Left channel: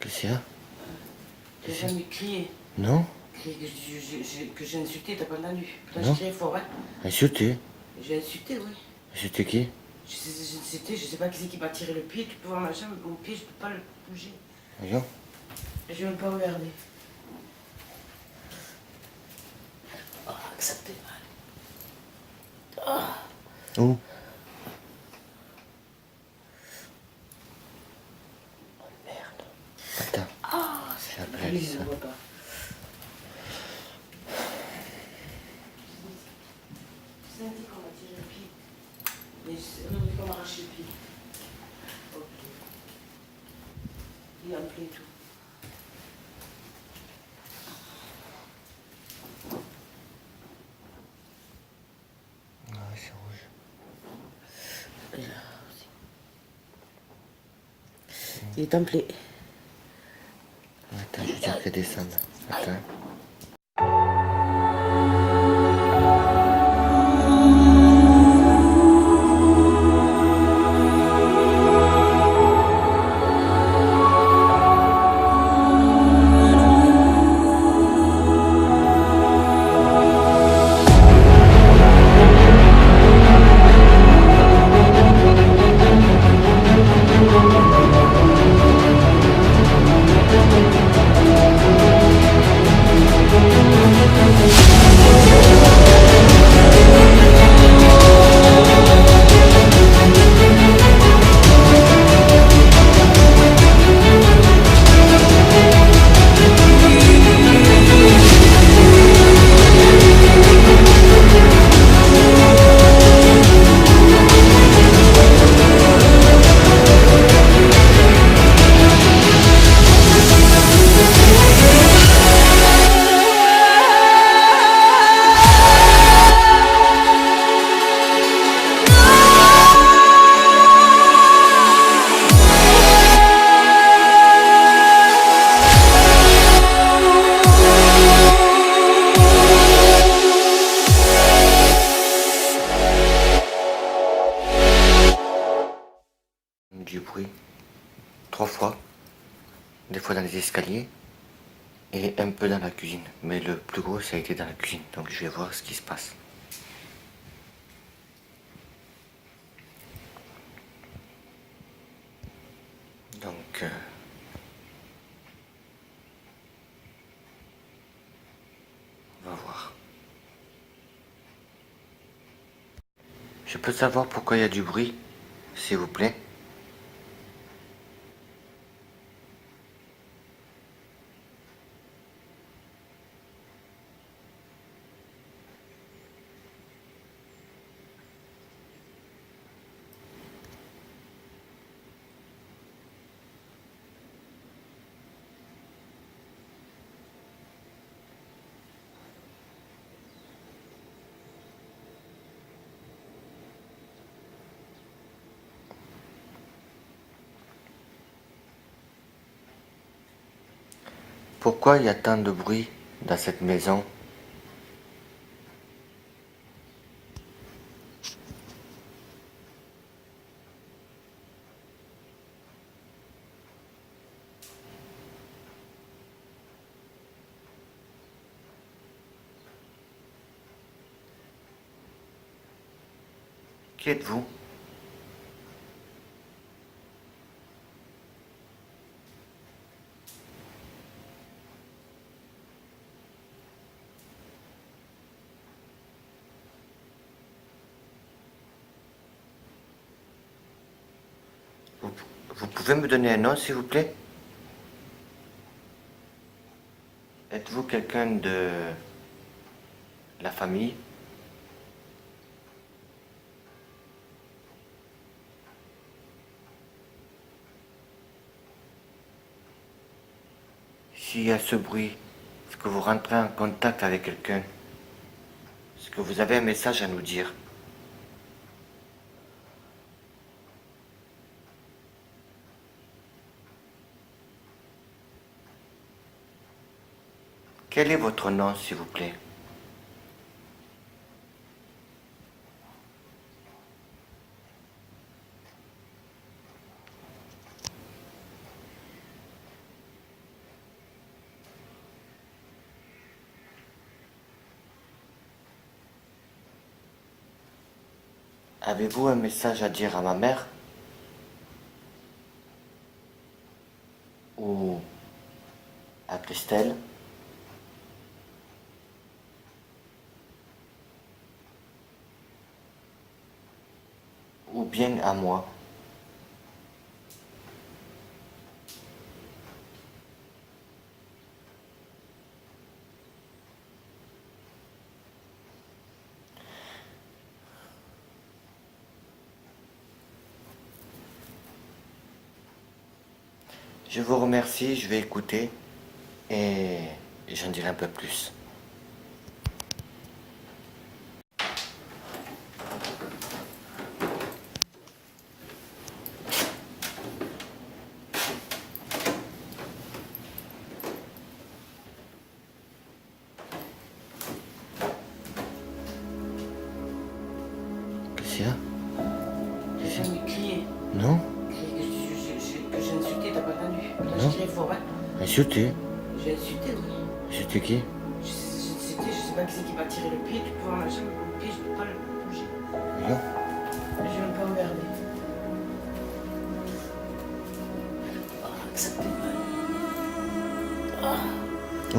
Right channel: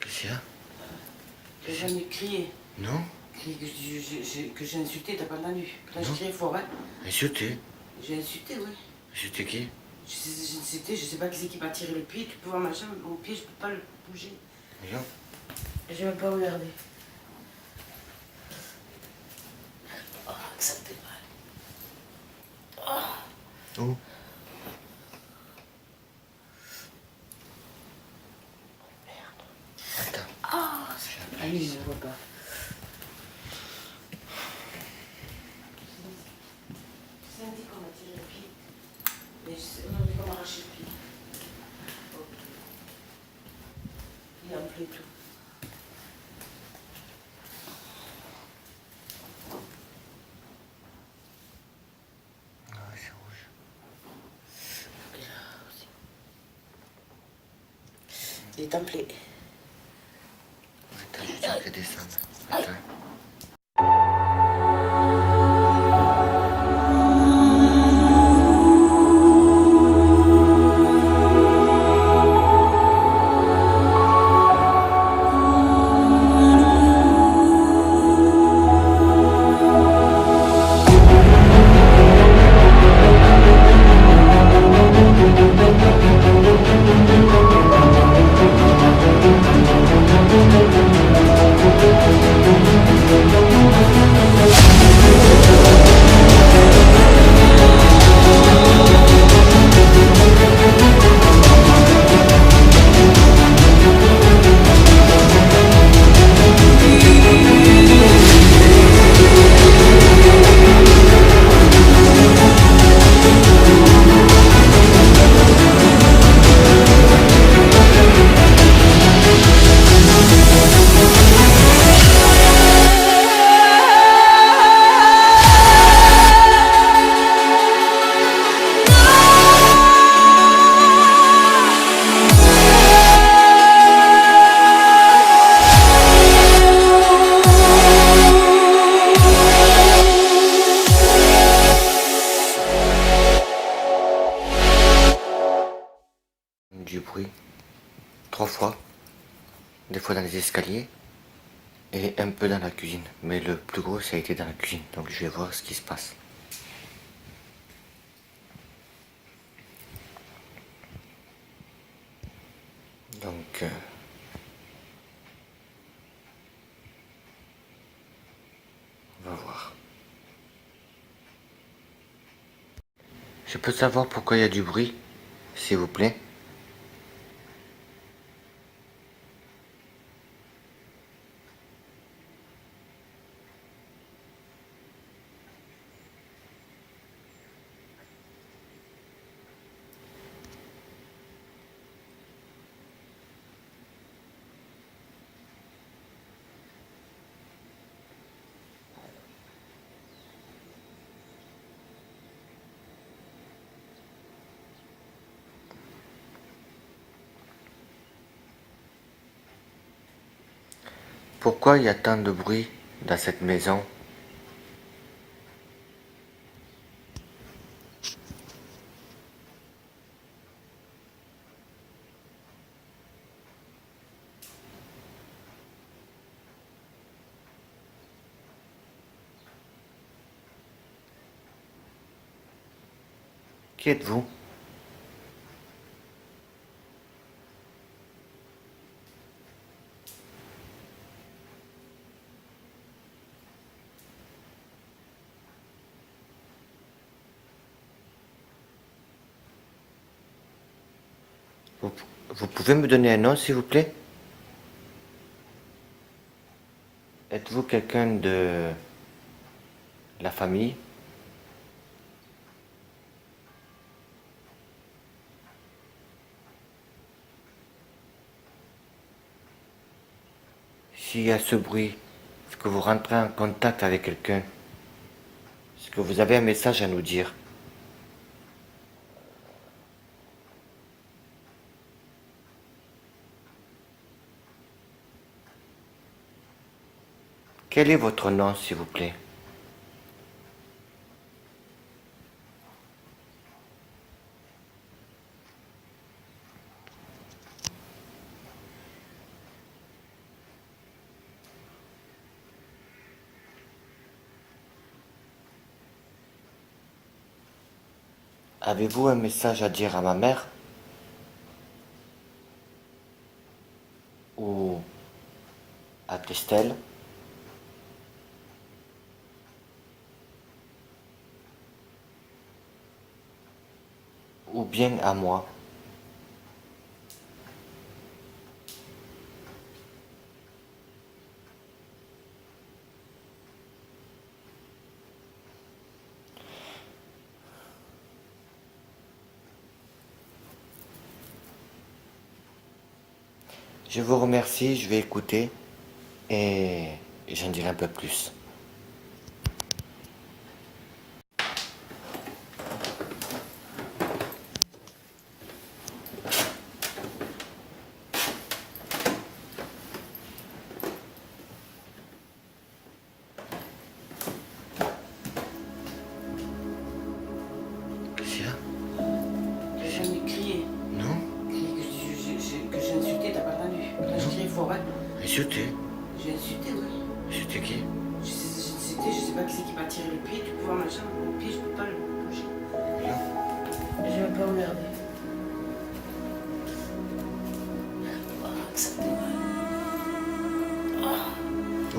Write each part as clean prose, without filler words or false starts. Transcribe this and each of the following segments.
Qu'est-ce qu'il y a? T'as jamais crié. Non. Que j'ai insulté, t'as pas entendu. Là, Non. je criais fort, hein. Insulté? J'ai insulté, oui. Insulté qui? Je sais pas qui c'est qui m'a tiré le pied. Tu peux voir ma jambe, mon pied, je peux pas le bouger. Regarde. Et je vais même pas regarder. Oh, que ça te mal. Oh. Où? Attends. Ah, c'est c'est après, lui, ça. je ne vois pas. C'est un dit qu'on m'a tiré le pied. Mais on n'a pas arraché le pied. Ok. Il a un peu tout. Ah, c'est rouge. Et là aussi. Il est templé. Attends, je veux dire qu'il descende. Attends. Du bruit 3 fois, des fois dans les escaliers et un peu dans la cuisine, mais le plus gros ça a été dans la cuisine, donc je vais voir ce qui se passe. Donc on va voir. Je peux savoir pourquoi il y a du bruit, s'il vous plaît? Pourquoi il y a tant de bruit dans cette maison? Qui êtes-vous? Vous, vous pouvez me donner un nom, s'il vous plaît? Êtes-vous quelqu'un de la famille? S'il y a ce bruit, est-ce que vous rentrez en contact avec quelqu'un? Est-ce que vous avez un message à nous dire? Quel est votre nom, s'il vous plaît? Avez-vous un message à dire à ma mère? Ou à Christelle? Ou bien à moi? Je vous remercie, je vais écouter et j'en dirai un peu plus. Qu'est-ce qu'il y a? J'ai jamais crié. Non? Que j'ai insulté, t'as pas entendu. Là, je crié fort, hein. Insulté? J'ai insulté, oui. Insulté qui? Je sais pas qui c'est qui m'a tiré le pied. Tu peux voir ma jambe, mon pied, je peux pas le bouger. Non? Je vais pas regarder. Où?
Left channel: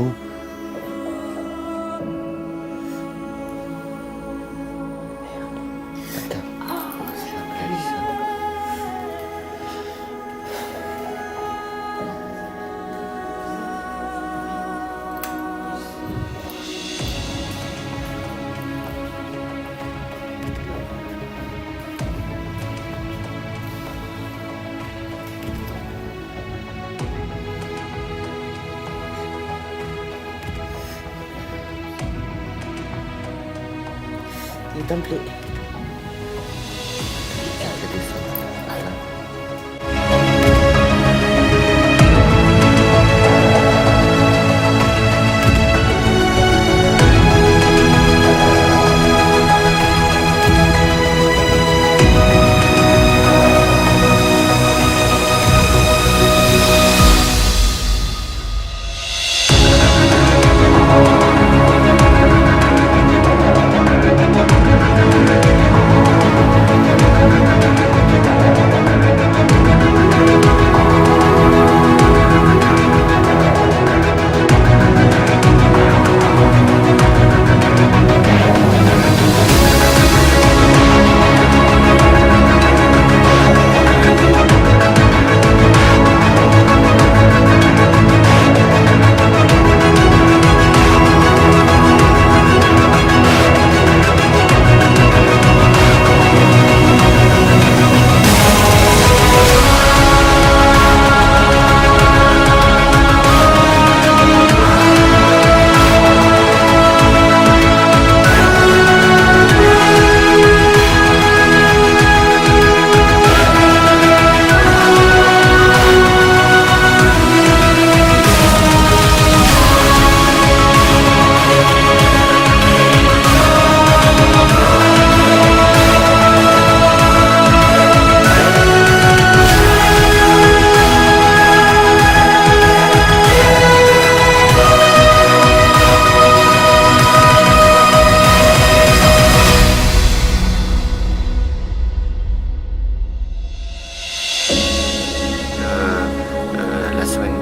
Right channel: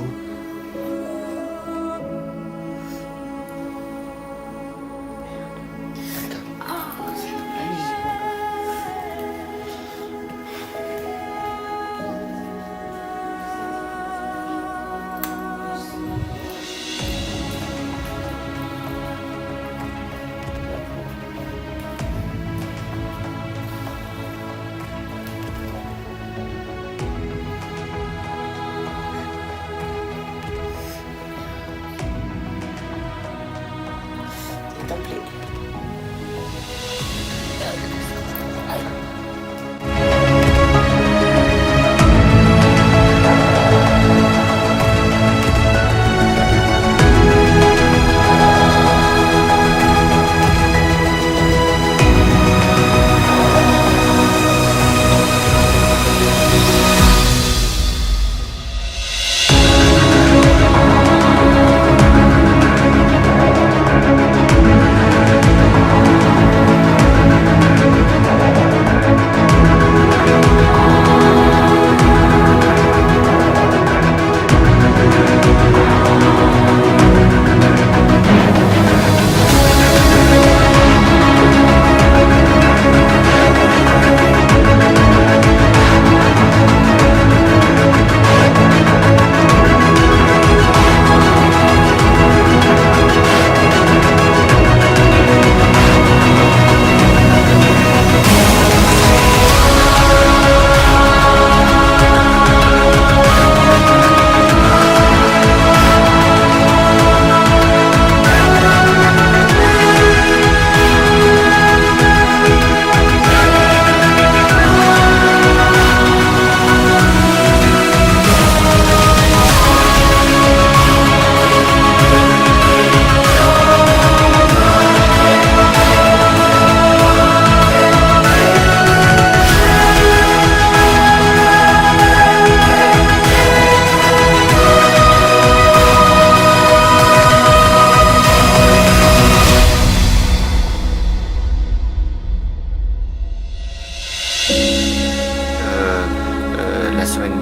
S'il te plaît.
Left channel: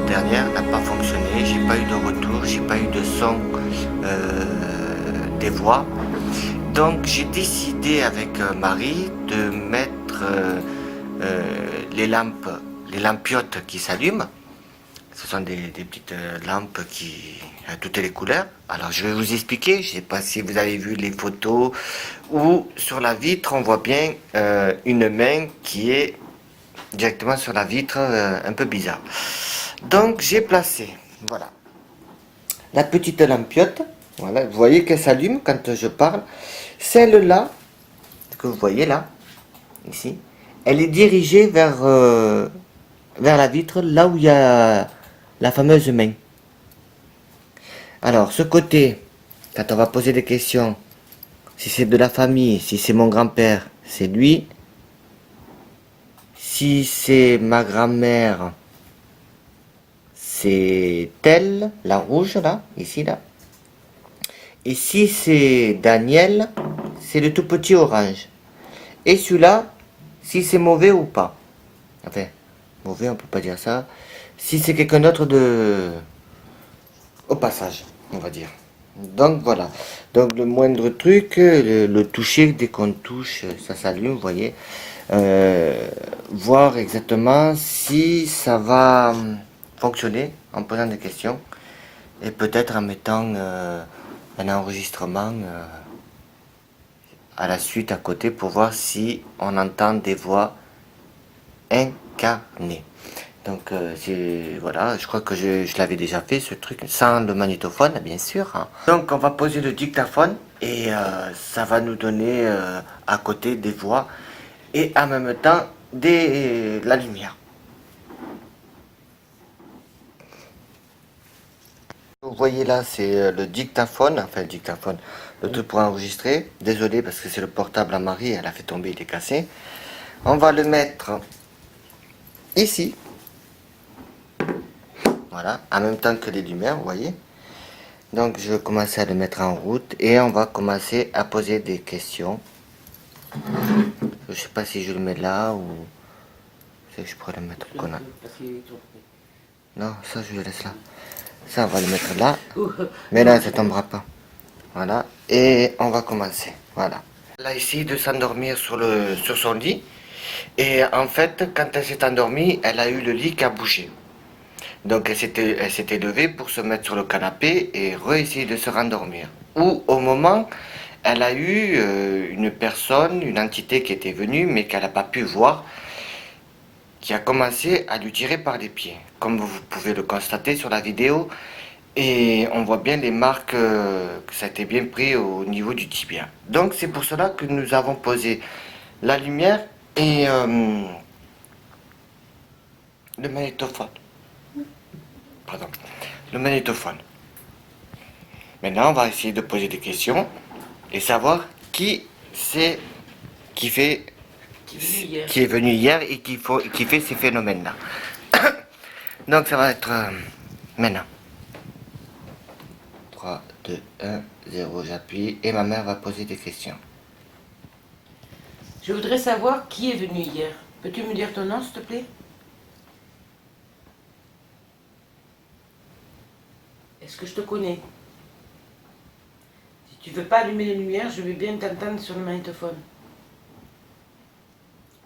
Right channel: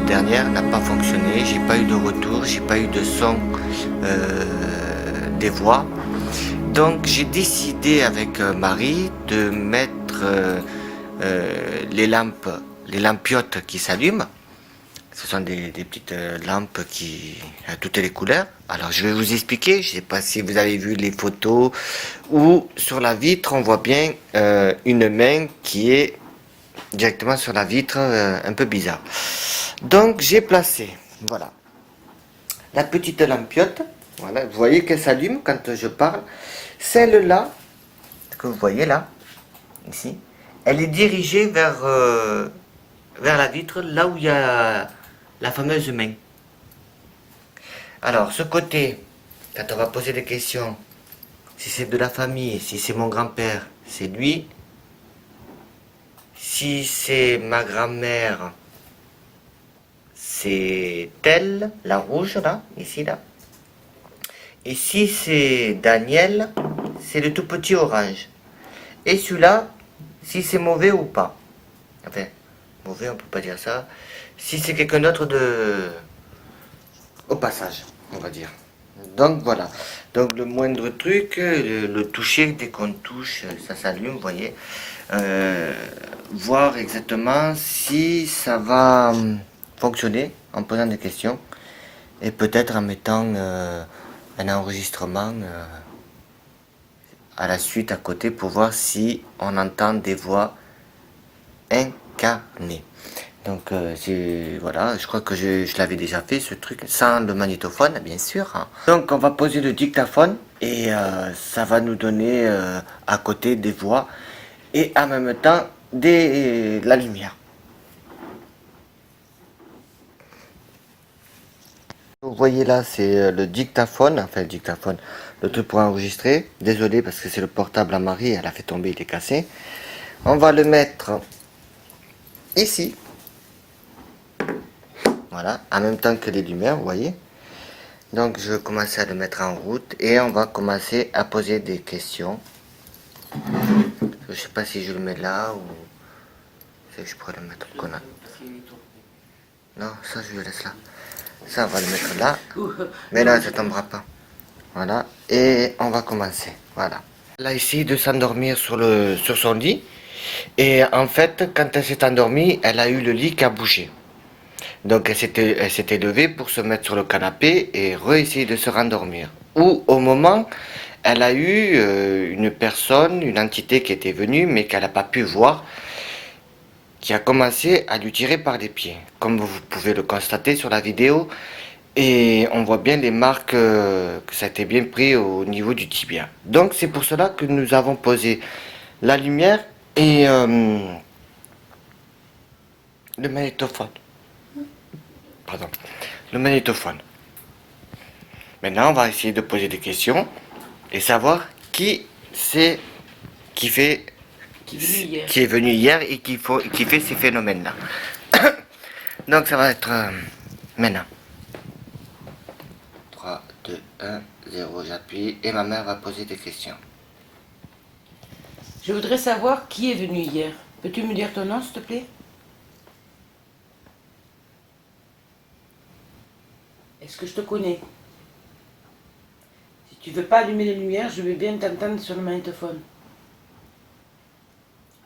dernière n'a pas fonctionné. J'ai pas eu de retour, j'ai pas eu de son des voix. Donc j'ai décidé avec Marie de mettre les lampiotes qui s'allument. Ce sont des petites lampes qui à toutes les couleurs. Alors je vais vous expliquer. Je ne sais pas si vous avez vu les photos où sur la vitre on voit bien une main qui est directement sur la vitre, un peu bizarre. Donc j'ai placé, voilà, la petite lampiote. Voilà, vous voyez qu'elle s'allume quand je parle. Celle-là que vous voyez là, ici, elle est dirigée vers la vitre, là où il y a la fameuse main. Alors, ce côté, quand on va poser des questions, si c'est de la famille, si c'est mon grand-père, c'est lui. Si c'est ma grand-mère, c'est elle, la rouge là, ici là. Et si c'est Daniel, c'est le tout petit orange. Et celui-là, si c'est mauvais ou pas. Enfin, mauvais, on peut pas dire ça. Si c'est quelqu'un d'autre au passage, on va dire. Donc voilà. Donc le moindre truc, le toucher, dès qu'on touche, ça s'allume, vous voyez. Voir exactement si ça va fonctionner en posant des questions. Et peut-être en mettant un enregistrement à la suite à côté pour voir si on entend des voix incarnées. Donc voilà, je crois que je l'avais déjà fait ce truc sans le magnétophone bien sûr. Hein. Donc on va poser le dictaphone et ça va nous donner à côté des voix et en même temps la lumière. Vous voyez là, c'est le dictaphone, enfin le dictaphone, le truc pour enregistrer. Désolé parce que c'est le portable à Marie, elle a fait tomber, il est cassé. On va le mettre ici. Voilà, en même temps que les lumières, vous voyez. Donc je vais commencer à le mettre en route et on va commencer à poser des questions. Je sais pas si je le mets là ou si je pourrais le mettre qu'on a. Non, ça je le laisse là. Ça on va le mettre là. Mais là ça tombera pas. Voilà. Et on va commencer. Voilà. Elle a essayé de s'endormir sur son lit. Et en fait, quand elle s'est endormie, elle a eu le lit qui a bougé. Donc elle s'était levée pour se mettre sur le canapé et réessayer de se rendormir. Ou au moment, elle a eu une personne, une entité qui était venue mais qu'elle n'a pas pu voir, qui a commencé à lui tirer par les pieds. Comme vous pouvez le constater sur la vidéo, et on voit bien les marques que ça a été bien pris au niveau du tibia. Donc c'est pour cela que nous avons posé la lumière et le magnétophone. Pardon, le magnétophone. Maintenant, on va essayer de poser des questions et savoir qui c'est qui fait qui est venu hier et qui fait ces phénomènes-là. Donc ça va être maintenant. 3, 2, 1, 0, j'appuie et ma mère va poser des questions. Je voudrais savoir qui est venu hier. Peux-tu me dire ton nom, s'il te plaît? Est-ce que je te connais? Si tu veux pas allumer les lumières, je veux bien t'entendre sur le magnétophone.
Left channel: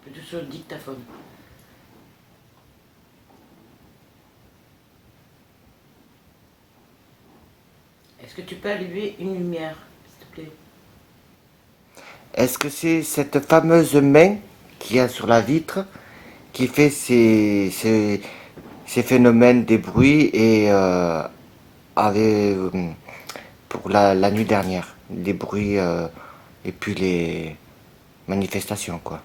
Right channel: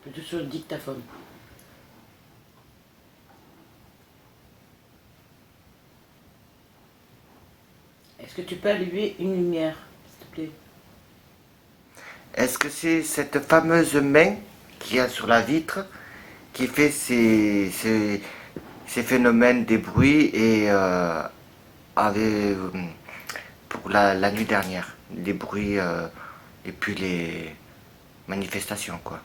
Plutôt sur le dictaphone. Est-ce que tu peux allumer une lumière, s'il te plaît? Est-ce que c'est cette fameuse main qu'il y a sur la vitre qui fait ces phénomènes des bruits et pour la nuit dernière, les bruits et puis les manifestations quoi.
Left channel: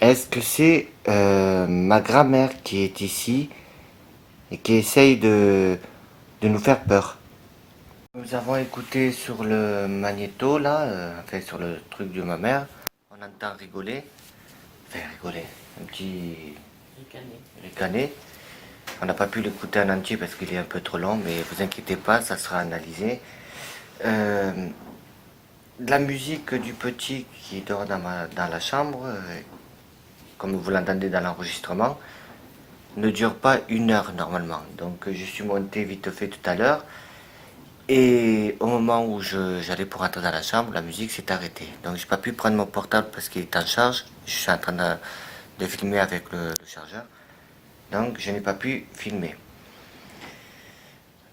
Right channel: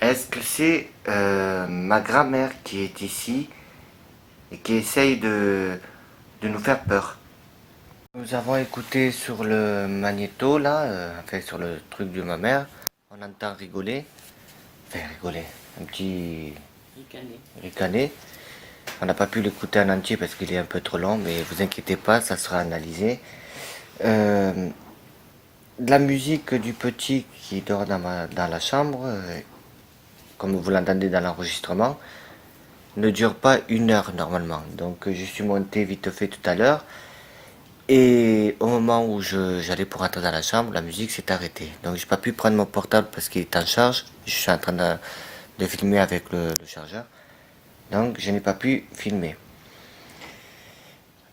Est-ce que c'est ma grand-mère qui est ici et qui essaye de nous faire peur? Nous avons écouté sur le magnéto là, enfin sur le truc de ma mère, on entend rigoler, enfin rigoler, un petit Ricaner. ricaner. On n'a pas pu l'écouter en entier parce qu'il est un peu trop long, mais vous inquiétez pas, ça sera analysé. De la musique du petit qui dort dans la chambre, comme vous l'entendez dans l'enregistrement, ne dure pas 1 heure normalement. Donc je suis monté vite fait tout à l'heure. Et au moment où j'allais pour entrer dans la chambre, la musique s'est arrêtée. Donc j'ai pas pu prendre mon portable parce qu'il est en charge. Je suis en train de filmer avec le chargeur. Donc je n'ai pas pu filmer.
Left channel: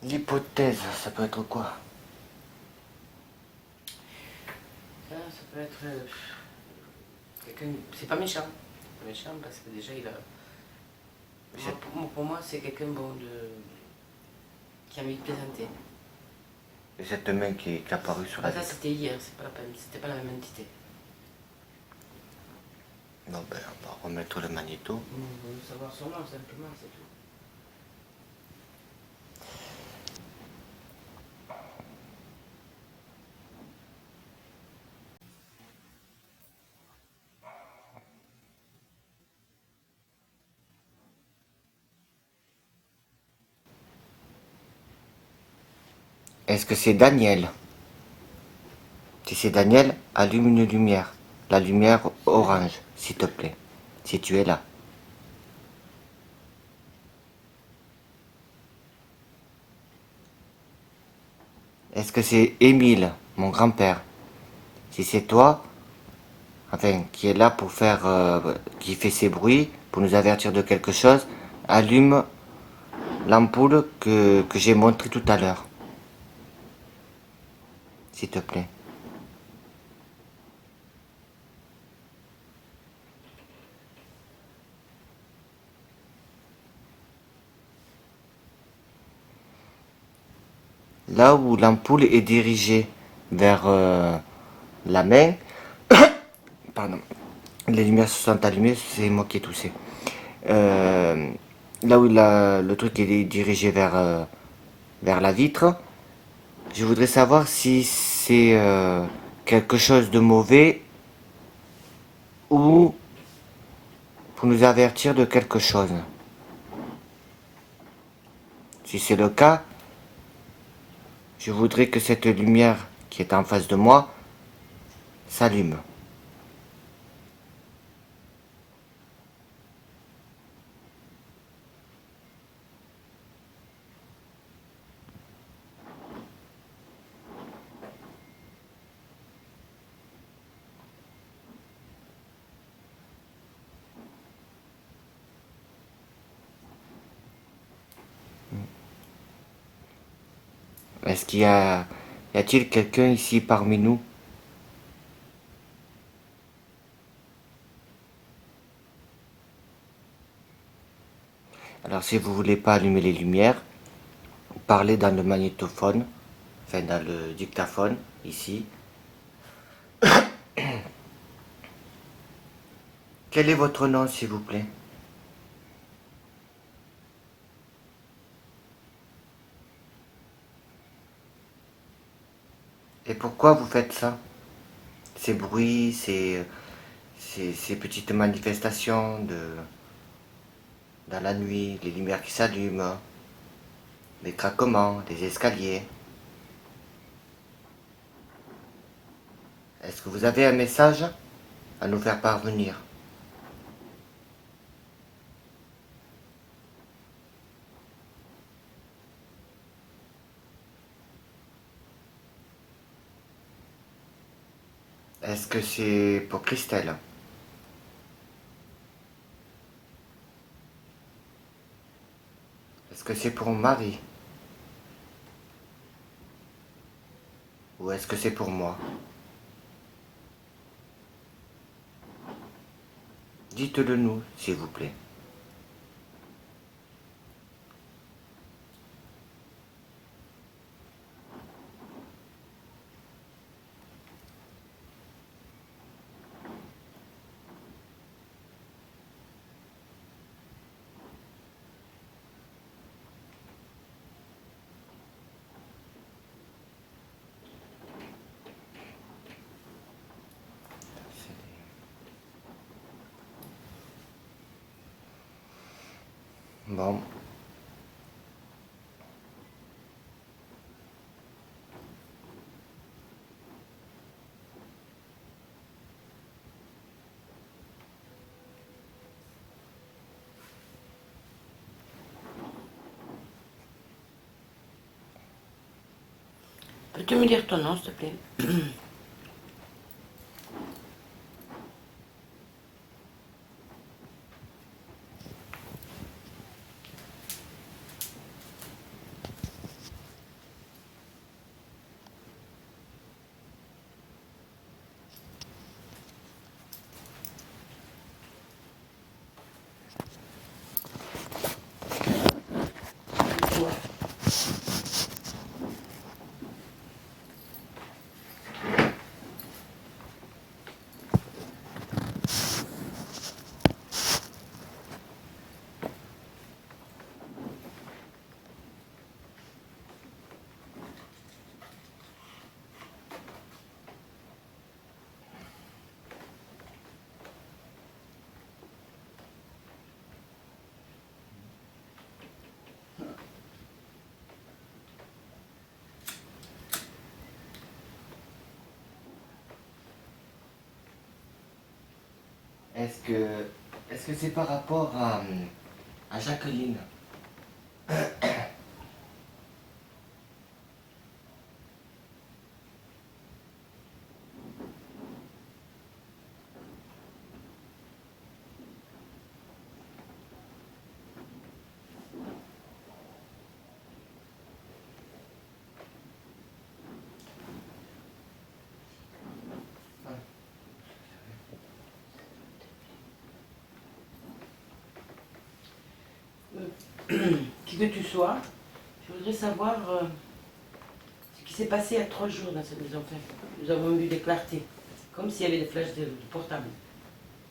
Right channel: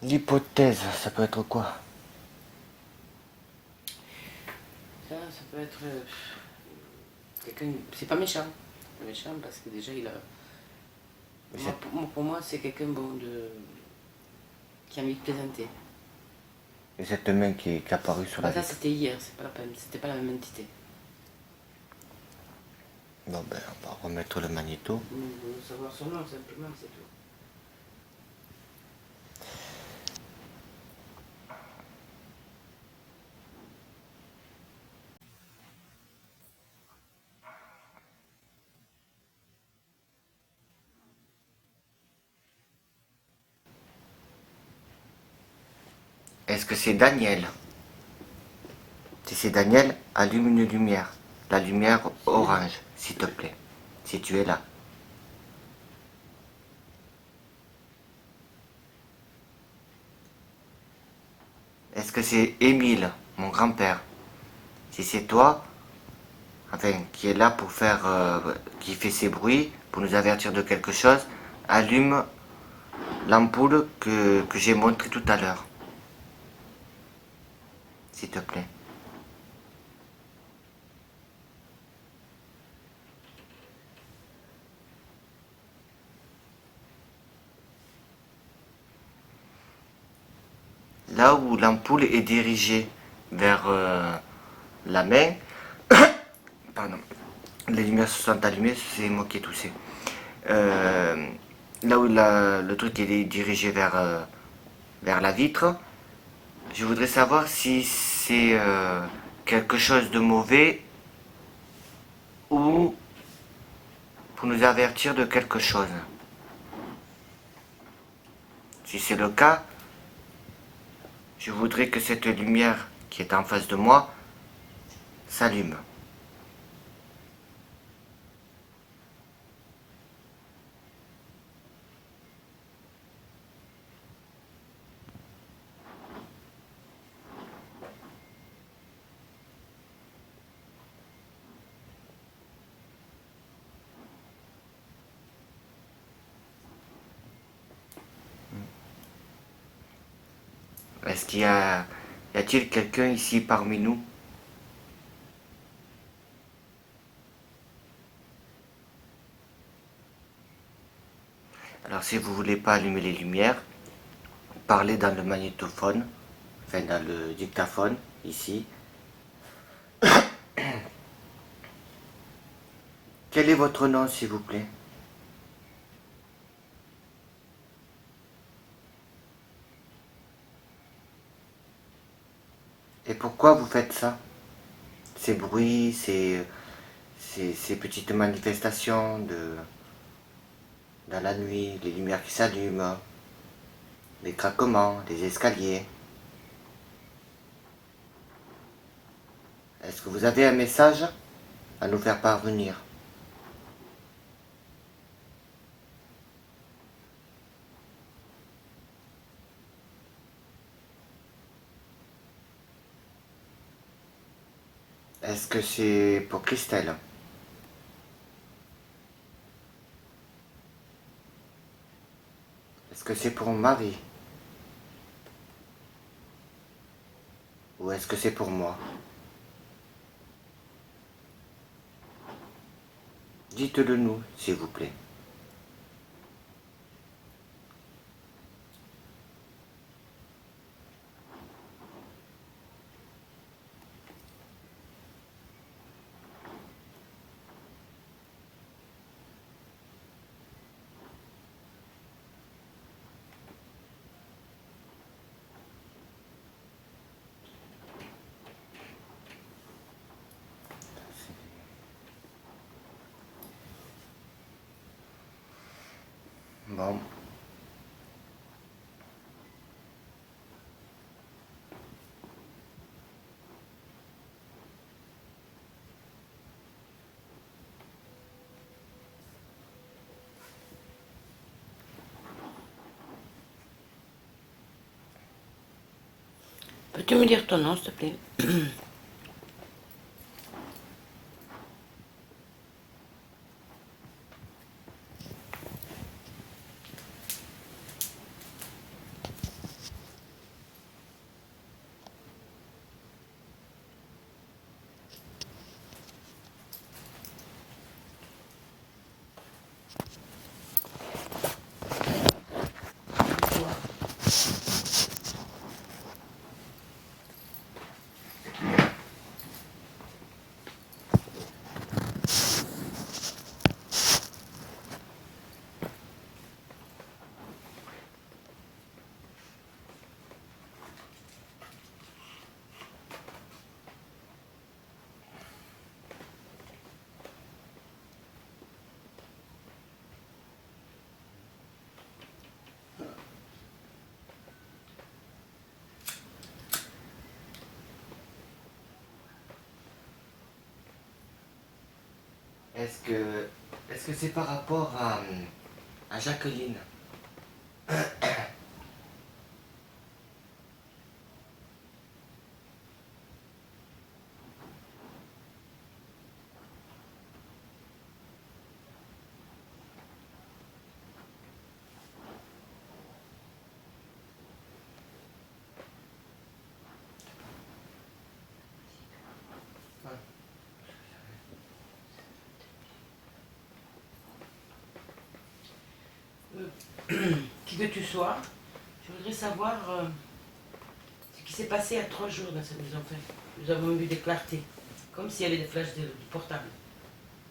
L'hypothèse, ça peut être quoi? Ça peut être quelqu'un. C'est pas méchant. Pas méchant parce que déjà il a. Pour moi, c'est quelqu'un bon qui a envie de plaisanter. Et cette main qui est apparue sur la Ça vitre. c'était hier, c'est pas la peine, c'était pas la même entité. Bon ben on va remettre le magnéto. Nous voulons savoir son nom simplement, c'est tout. Est-ce que c'est Daniel? Si c'est Daniel, allume une lumière. La lumière orange, s'il te plaît. Si tu es là. Est-ce que c'est Émile, mon grand-père? Si c'est toi, enfin, qui est là pour faire, qui fait ces bruits, pour nous avertir de quelque chose, allume l'ampoule que j'ai montrée tout à l'heure. S'il te plaît. Là où l'ampoule est dirigée vers la main, pardon, les lumières se sont allumées, c'est moi qui ai toussé. Euh, Là où le truc est dirigé vers la vitre, je voudrais savoir si c'est quelque chose de mauvais ou pour nous avertir de quelque chose. Si c'est le cas, je voudrais que cette lumière qui est en face de moi s'allume. Est-ce qu'il y a-t-il quelqu'un ici parmi nous? Alors si vous voulez pas allumer les lumières, parlez dans le magnétophone, enfin dans le dictaphone, ici. Quel est votre nom, s'il vous plaît? Et pourquoi vous faites ça? Ces bruits, ces petites manifestations dans la nuit, les lumières qui s'allument, les craquements, les escaliers. Est-ce que vous avez un message à nous faire parvenir? Est-ce que c'est pour Christelle? Est-ce que c'est pour Marie? Ou est-ce que c'est pour moi? Dites-le nous, s'il vous plaît. Bon, Peux-tu me dire ton nom, s'il te plaît? Est-ce que c'est par rapport à Jacqueline? Qui que tu sois, je voudrais savoir ce qui s'est passé il y a 3 jours dans cette maison. Enfin, nous avons eu des clartés, comme s'il y avait des flashs de portable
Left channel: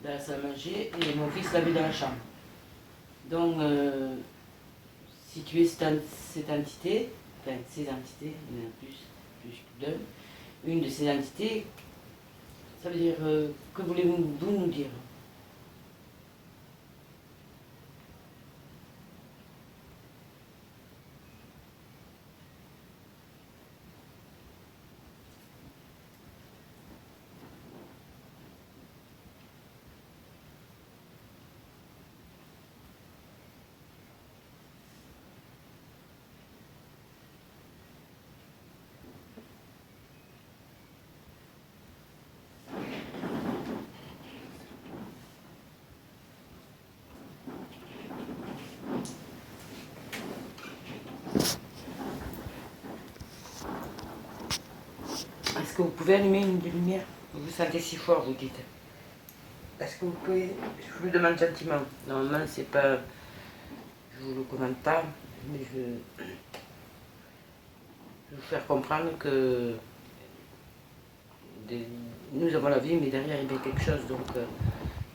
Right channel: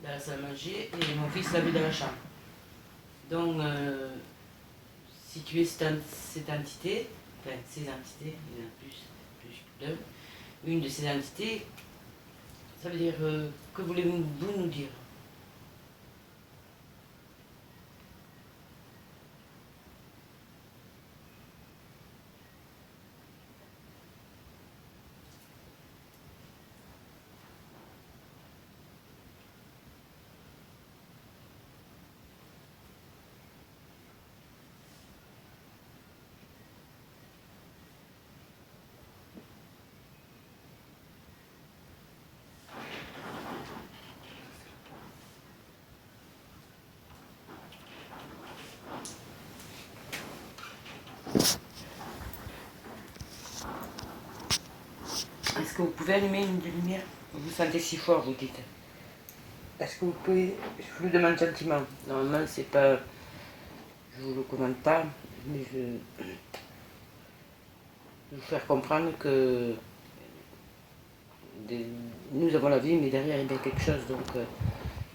dans la salle à manger et mon fils l'a vu dans la chambre. Donc, si tu es cette entité, enfin ces entités, il y en a plus d'un, une de ces entités, ça veut dire que voulez-vous nous dire? Est-ce que vous pouvez allumer une de lumière? Vous vous sentez si fort, vous dites. Est-ce que vous pouvez... Je vous le demande gentiment. Normalement, c'est pas... Je vous le commande pas, mais je vais vous faire comprendre que nous avons la vie, mais derrière, il y a bien quelque chose. Donc,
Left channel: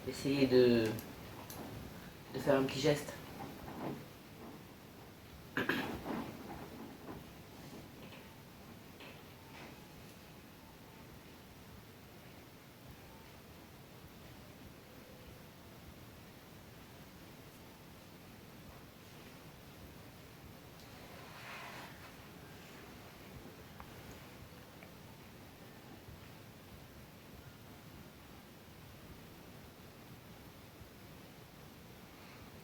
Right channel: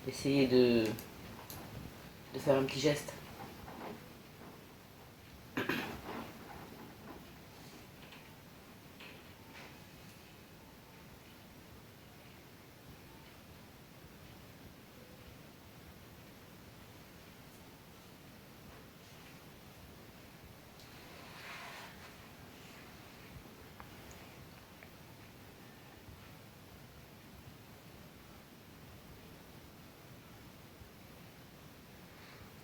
essayez de faire un petit geste.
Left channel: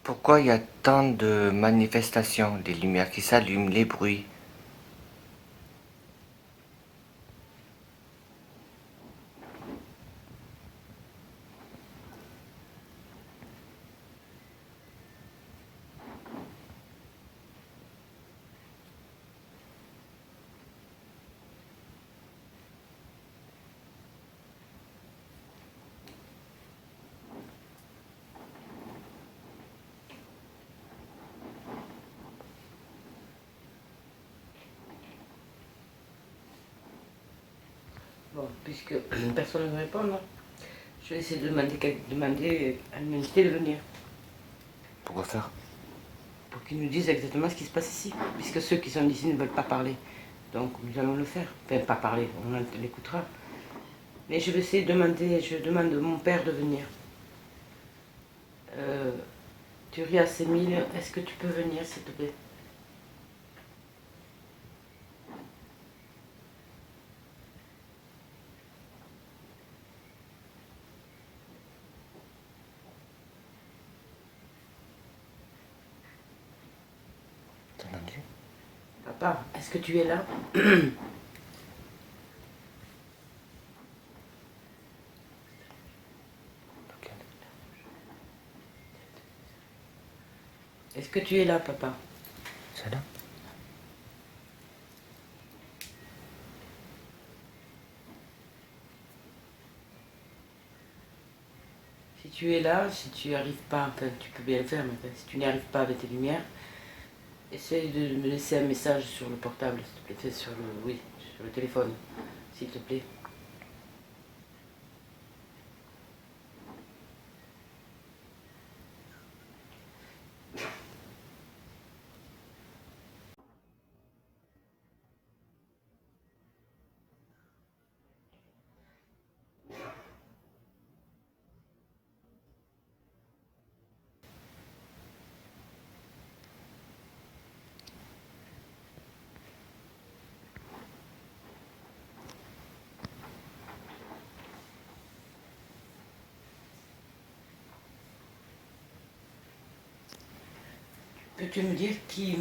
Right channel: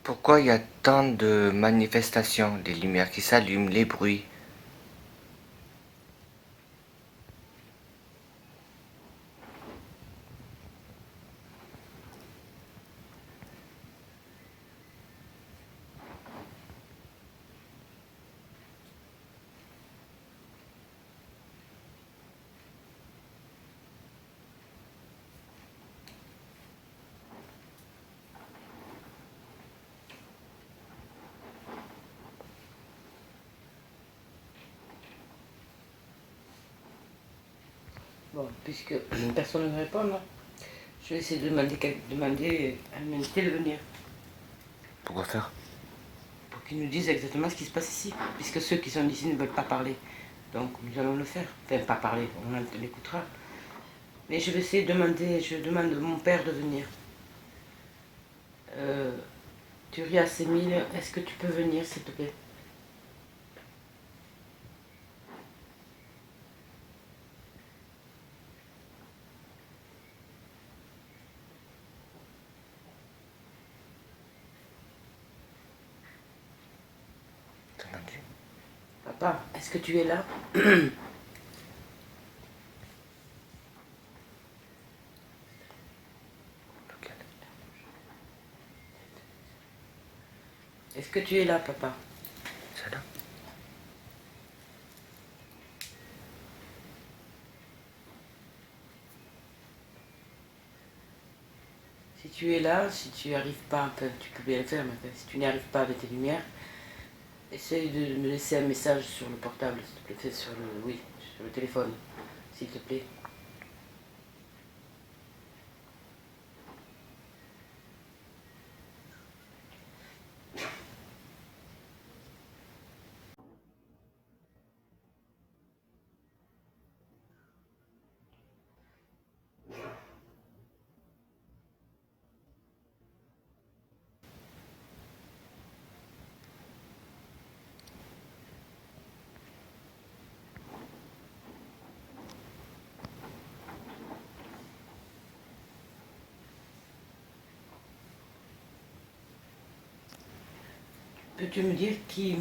Pourquoi il y a tant de manifestations, les lumières qui s'allument, les bruits? Bon, puisque personne ne me répond, non, je vais essayer de demander à une invitée de venir Pourquoi faire? pour qu'ils nous disent exactement ce qui se passe ici, puisque ceux qui sont ici ne veulent pas parler. Donc nous allons le faire. Enfin, pas parler, on l'écoutera. Mais je vais essayer de demander, je demande à mon père de venir. Turias Émile, est-ce que tu peux venir, s'il te plaît? T'as entendu? Papa, est-ce que tu es là? que tu es là, papa? Celle-là? Si tu es là, si tu n'y arrives pas, enfin tu peux bien le faire, mais enfin, si tu n'y arrives pas avec tes lumières, essaye de me laisser un message sur le portable, s'il te plaît, sur le, oui, sur le téléphone, s'il te plaît. Peux-tu me dire qui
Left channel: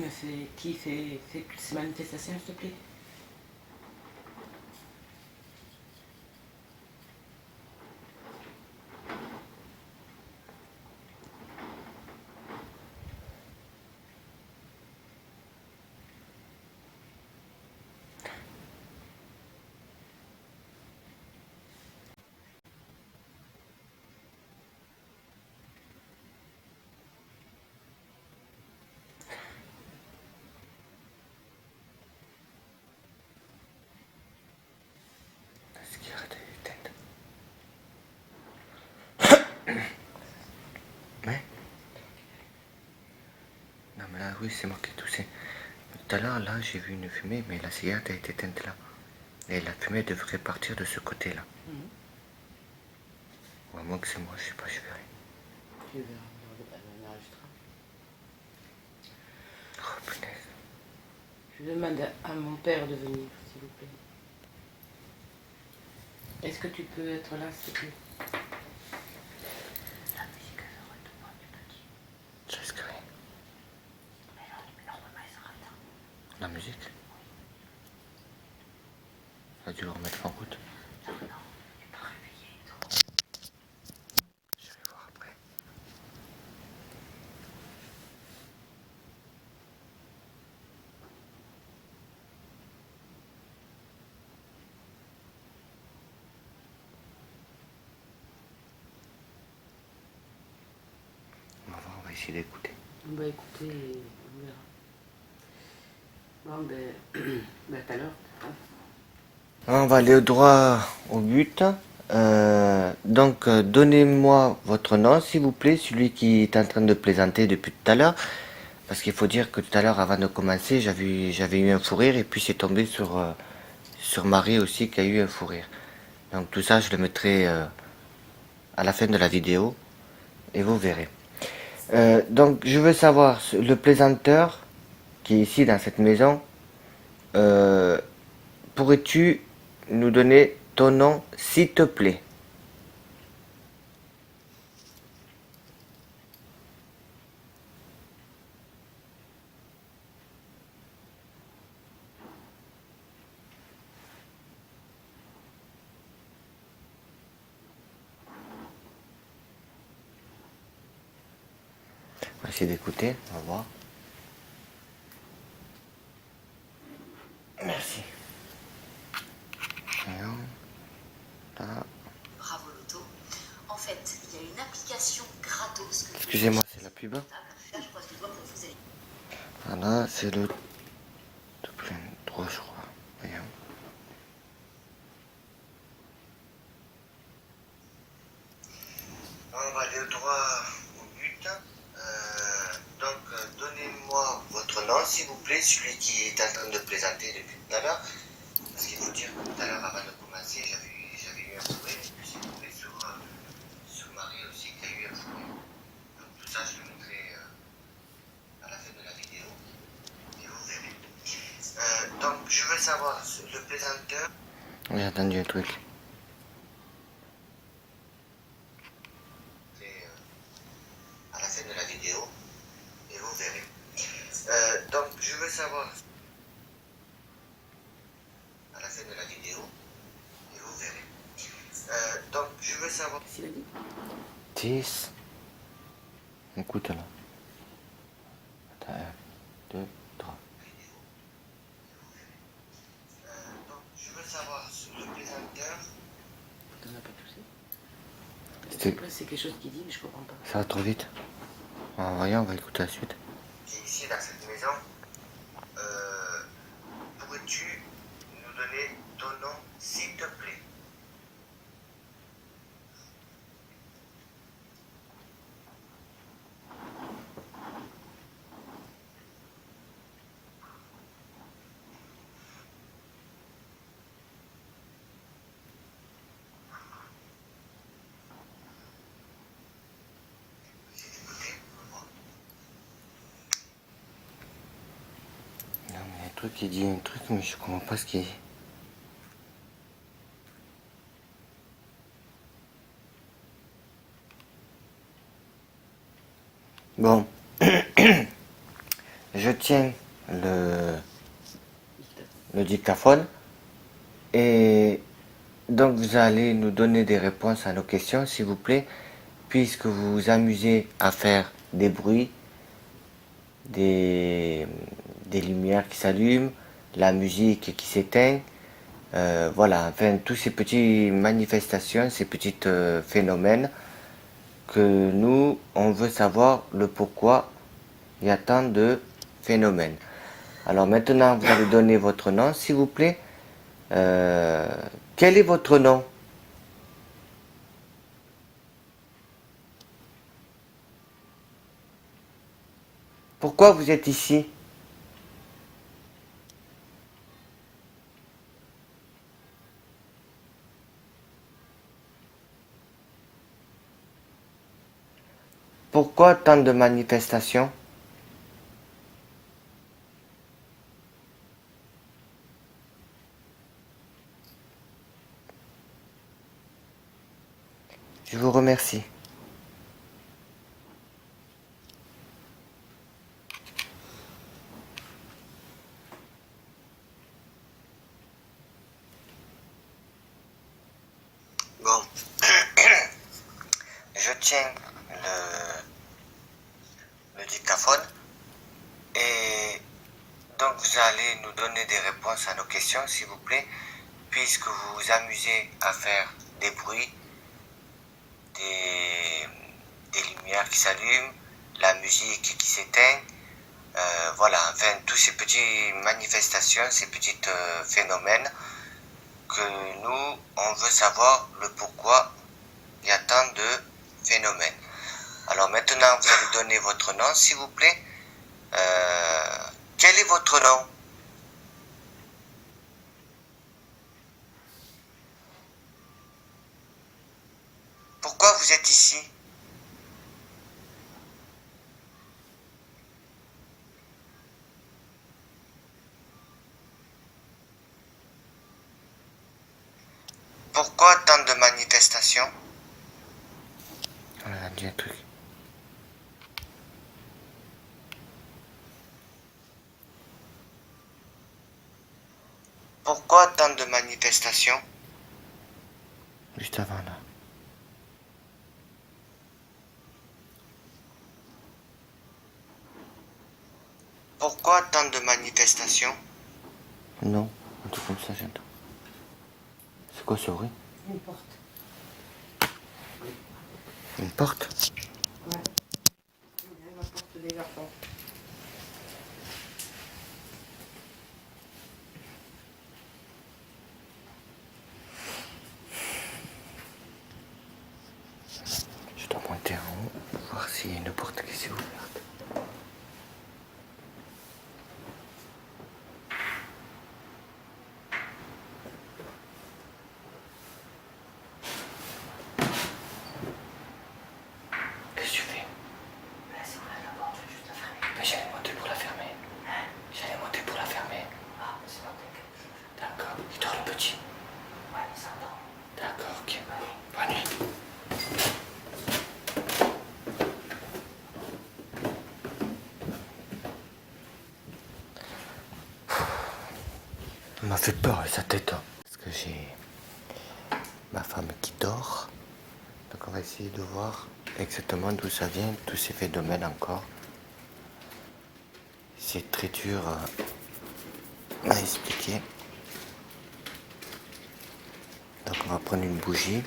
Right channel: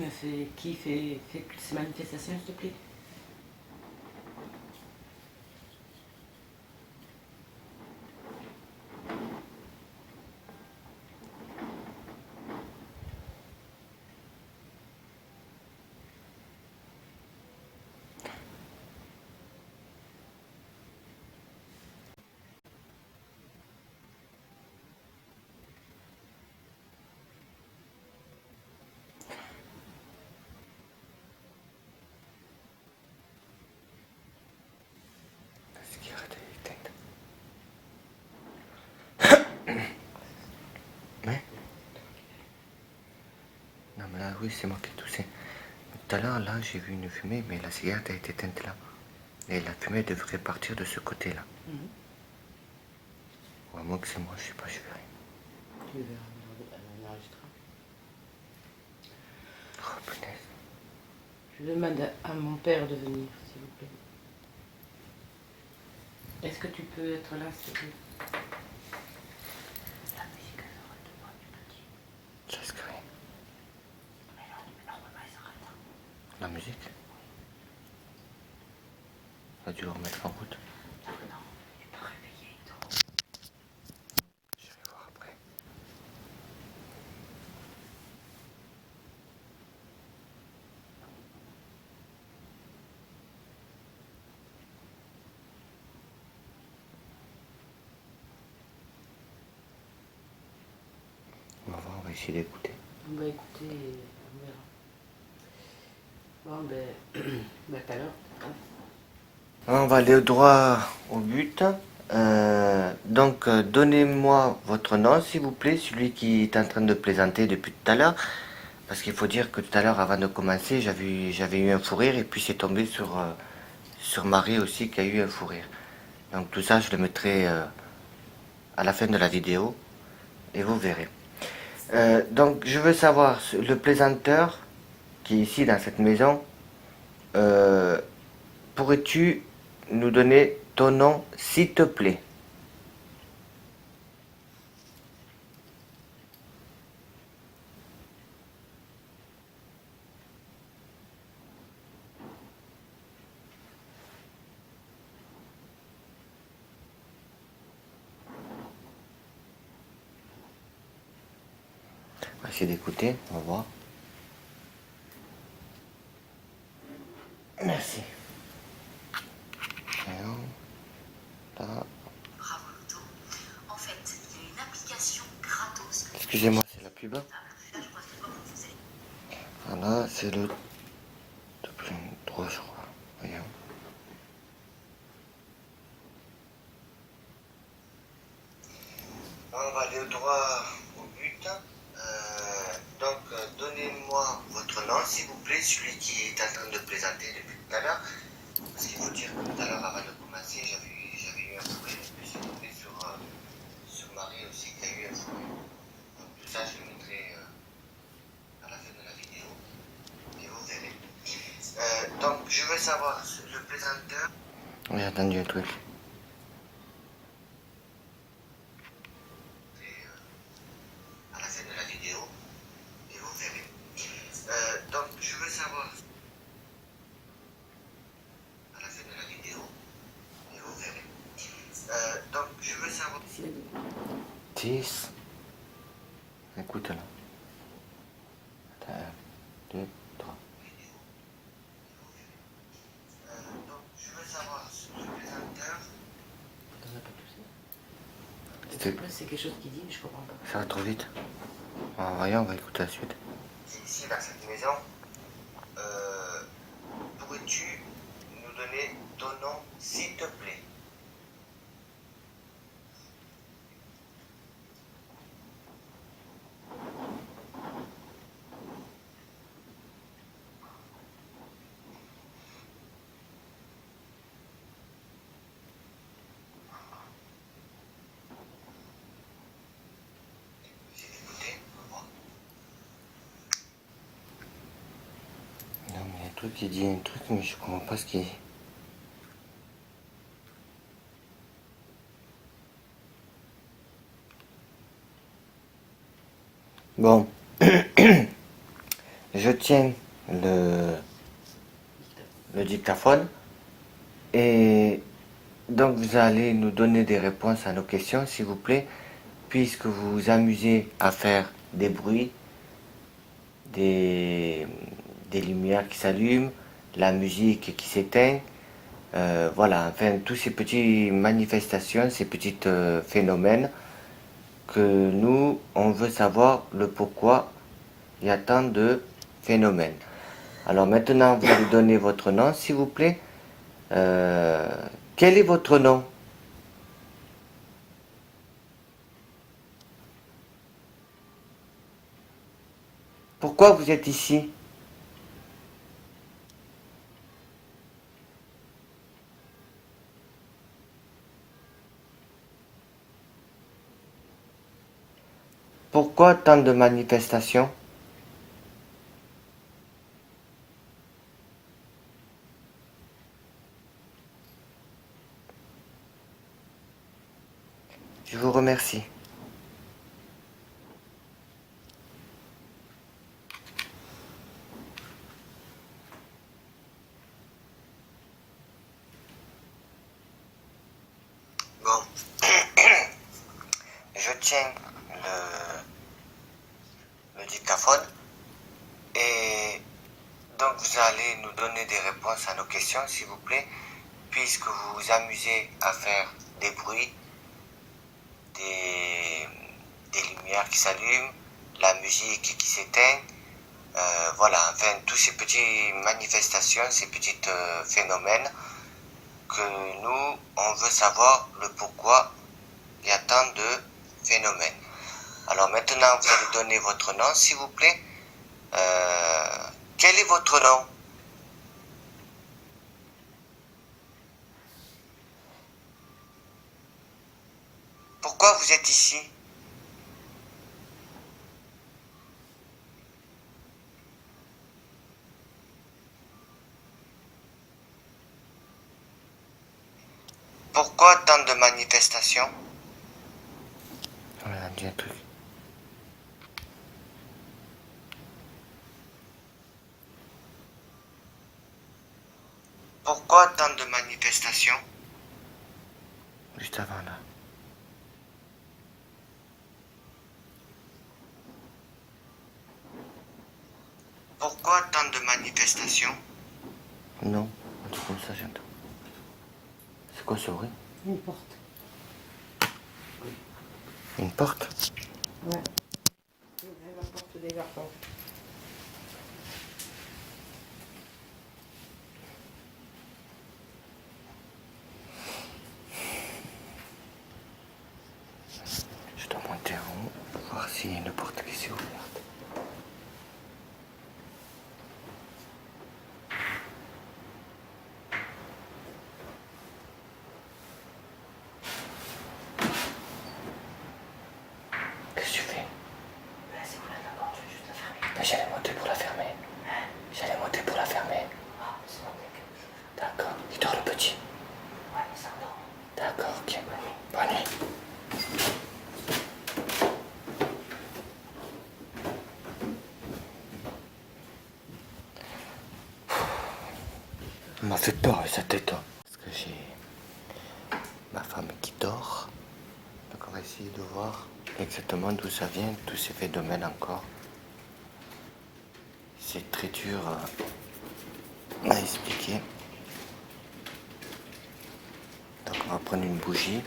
fait toutes ces manifestations, s'il te plaît? Est-ce qu'il arrête d'éteindre? Ouais. Non mais là, oui, c'est moi qui ai toussé. Tout à l'heure, là, j'ai vu une fumée, mais la cigarette a été éteinte là. Et la fumée devrait partir de ce côté-là. Ou à moins que c'est moi, je sais pas, je verrai. Tu verras, on enregistrera. Oh punaise. Je demande à mon père de venir, s'il vous plaît. Est-ce que tu peux être là, s'il te plaît? La musique, elle s'arrête pas, du petit. Je risque rien. Mais là, le numéro, il s'arrête là. La musique? Ça a dû le remettre en route. Non, non, il n'est pas réveillé, toi. Je vais voir après. On va voir, on va essayer d'écouter. On va écouter et on verra. Bon, ben, ben tout à l'heure. On va aller droit au but. Donc, donnez-moi votre nom, s'il vous plaît, celui qui est en train de plaisanter depuis tout à l'heure. Parce qu'il faut dire que tout à l'heure, avant de commencer, j'avais eu un fou rire et puis c'est tombé sur Marie aussi qui a eu un fou rire. Donc tout ça, je le mettrai à la fin de la vidéo et vous verrez. Donc, je veux savoir, le plaisanteur qui est ici dans cette maison, euh, pourrais-tu nous donner ton nom, s'il te plaît? On va essayer d'écouter, on va voir. Merci. Alors, là. Bravo Loto. En fait, il y a une application gratos. Excusez-moi, c'est la pub. Là, je croise les doigts pour vous aider. Voilà, c'est le plein droit, je crois. Regarde. On va aller droit au but. Donnez-moi votre nom, s'il vous plaît, celui qui est en train de plaisanter depuis tout à l'heure. Parce qu'il faut dire que tout à l'heure, avant de commencer, j'avais eu un fou rire et puis c'est tombé sur Marie aussi qui a eu un fou rire. Donc tout ça, je le mettrai à la fin de la vidéo et vous verrez. Donc je veux savoir, le plaisanteur... J'ai entendu un truc. À la fin de la vidéo et vous verrez. Donc je veux savoir... À la fin de la vidéo et vous verrez. Donc je veux savoir... 10. Écoute là. Un, deux, trois. Donc, je veux savoir le présenteur. On n'a pas poussé. C'était- Après, c'est quelque chose qui dit, mais je comprends pas. Ça va trop vite. On va écouter la suite. C'est ici, dans cette maison. Pourrais-tu nous donner ton nom, s'il te plaît? Non, mais il y a un truc qui dit un truc, mais je comprends pas ce qu'il dit. Bon, je tiens le dictaphone et donc vous allez nous donner des réponses à nos questions, s'il vous plaît, puisque vous vous amusez à faire des bruits, des, des lumières qui s'allument, la musique qui s'éteint. Voilà, enfin, tous ces petites manifestations, ces petits phénomènes que nous, on veut savoir le pourquoi il y a tant de phénomènes. Alors maintenant, vous allez donner votre nom, s'il vous plaît. Quel est votre nom? Pourquoi vous êtes ici? Pourquoi tant de manifestations? Je vous remercie. Bon, je tiens le dictaphone et donc vous allez nous donner des réponses à nos questions, s'il vous plaît, puisque vous vous amusez à faire des bruits, des lumières qui s'allument, la musique qui s'éteint. Voilà, enfin, tous ces petites manifestations, ces petits phénomènes que nous, on veut savoir le pourquoi il y a tant de phénomènes. Alors maintenant, vous allez donner votre nom, s'il vous plaît. Quel est votre nom? Pourquoi vous êtes ici? Pourquoi tant de manifestations? On a dit un truc. Pourquoi tant de manifestations? Juste avant là. Pourquoi tant de manifestations? Non, un truc comme ça, j'entends. C'est quoi ce bruit? Une porte. Une porte? Ouais. La porte des garçons. Je dois monter en haut, voir s'il y a une porte qui s'est ouverte. Qu'est-ce que tu fais? J'allais monter pour la fermer. J'allais monter pour la fermer. D'accord. Il dort le petit. D'accord, ok. Bonne nuit. Il m'a fait peur sa tête. Hein. Parce que j'ai ma femme qui dort. Donc on va essayer de voir exactement d'où ça vient, tous ces phénomènes encore. c'est très dur à expliquer. Donc on va prendre une bougie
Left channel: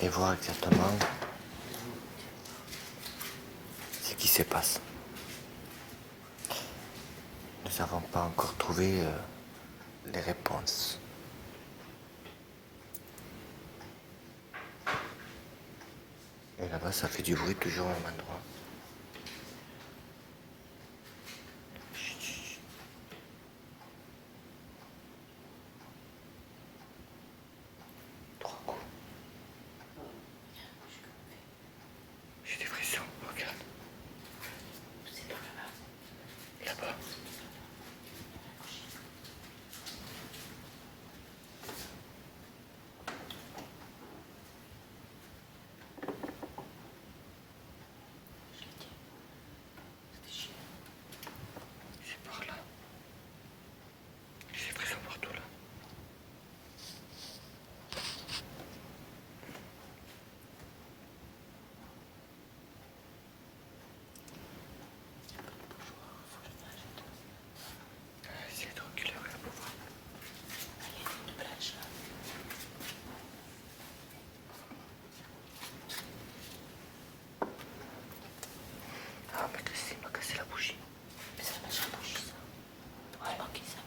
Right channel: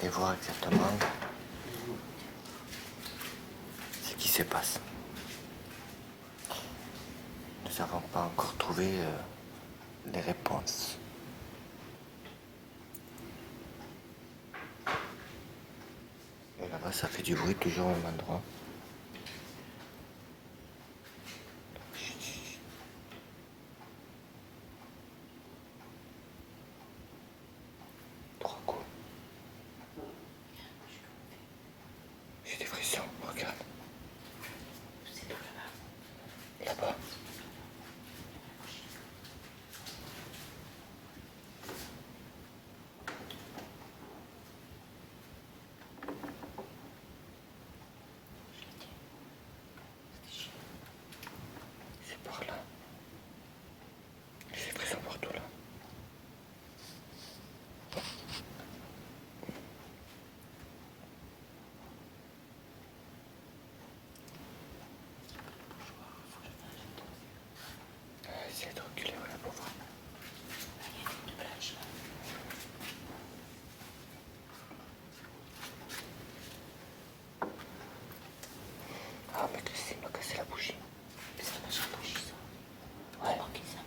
et voir exactement ce qui se passe. Nous n'avons pas encore trouvé les réponses. Et là-bas, ça fait du bruit toujours au même endroit. Trois coups. J'ai des frissons, regarde. Là-bas. C'est par là. J'ai des frissons partout là. Essayez de reculer là pour voir. Ah, mais il m'a cassé la bougie. Ça m'a déjà bougie ça. Ouais. Ok, ça.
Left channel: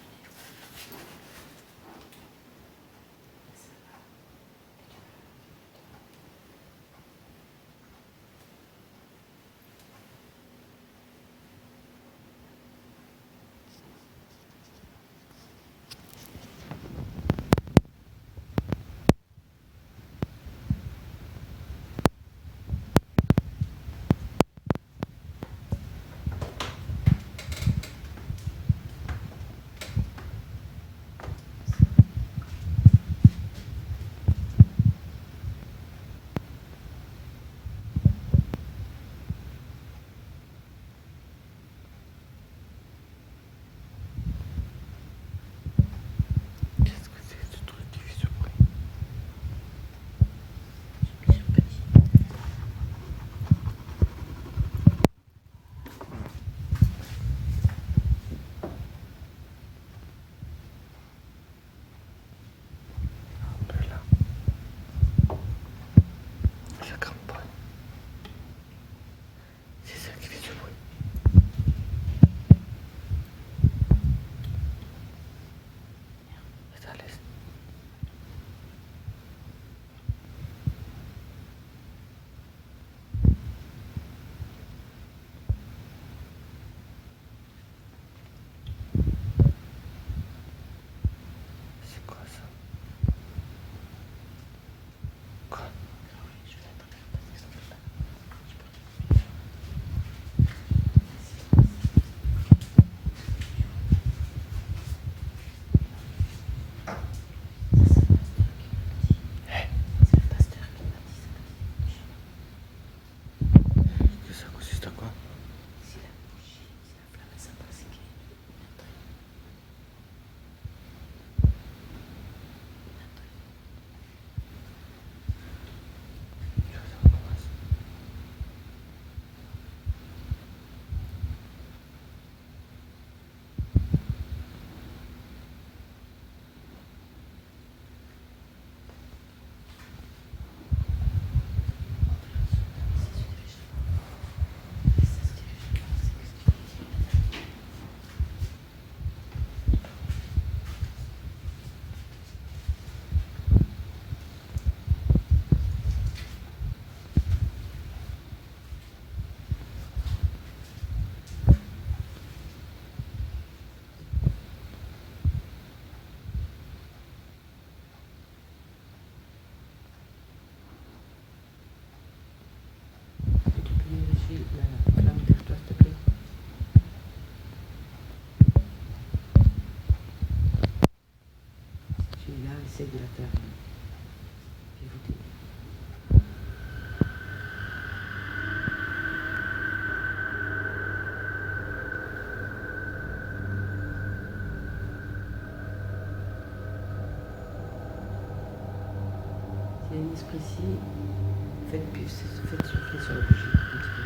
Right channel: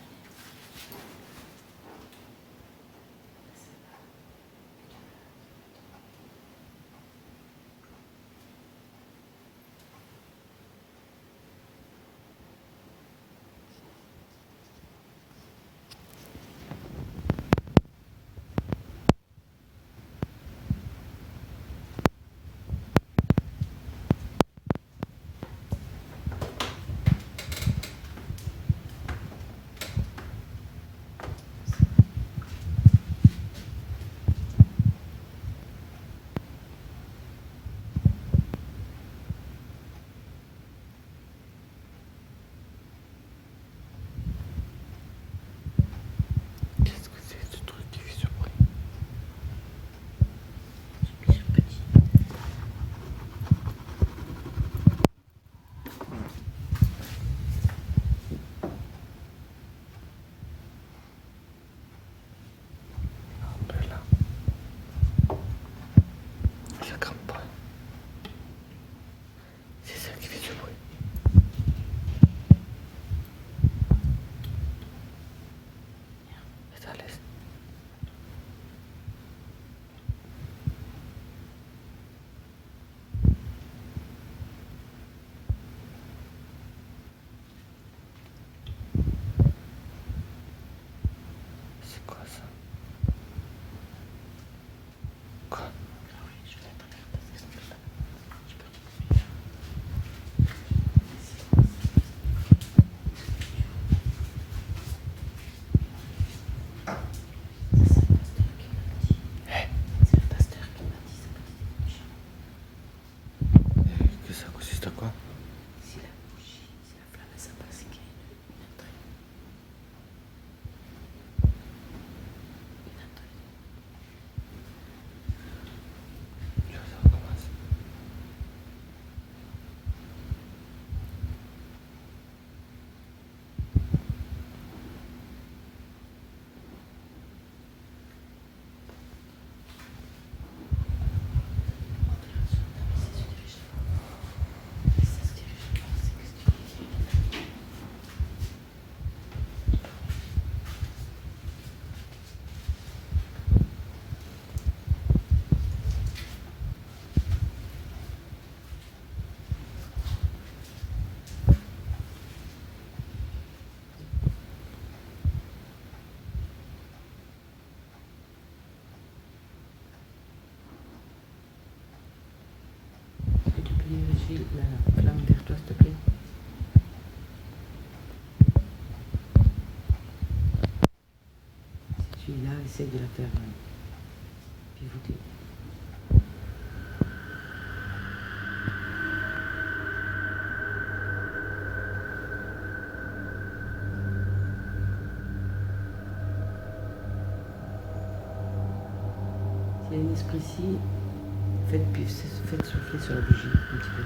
Qu'est-ce que c'est ce truc qui fait ce bruit? Un peu là. Ça grimpe pas. C'est ça qui fait ce bruit. Ça laisse. C'est quoi ça? Quoi? Que ça consiste à quoi? Si la bougie, si la flamme ça passe, c'est qu'il y a une entrée. Tu vois, ça recommence. Tu peux diriger la flamme vers toi, s'il te plaît. Si tu es là, essaie de la faire pivoter. S'il y a un esprit ici, faites souffler sur la bougie un petit peu.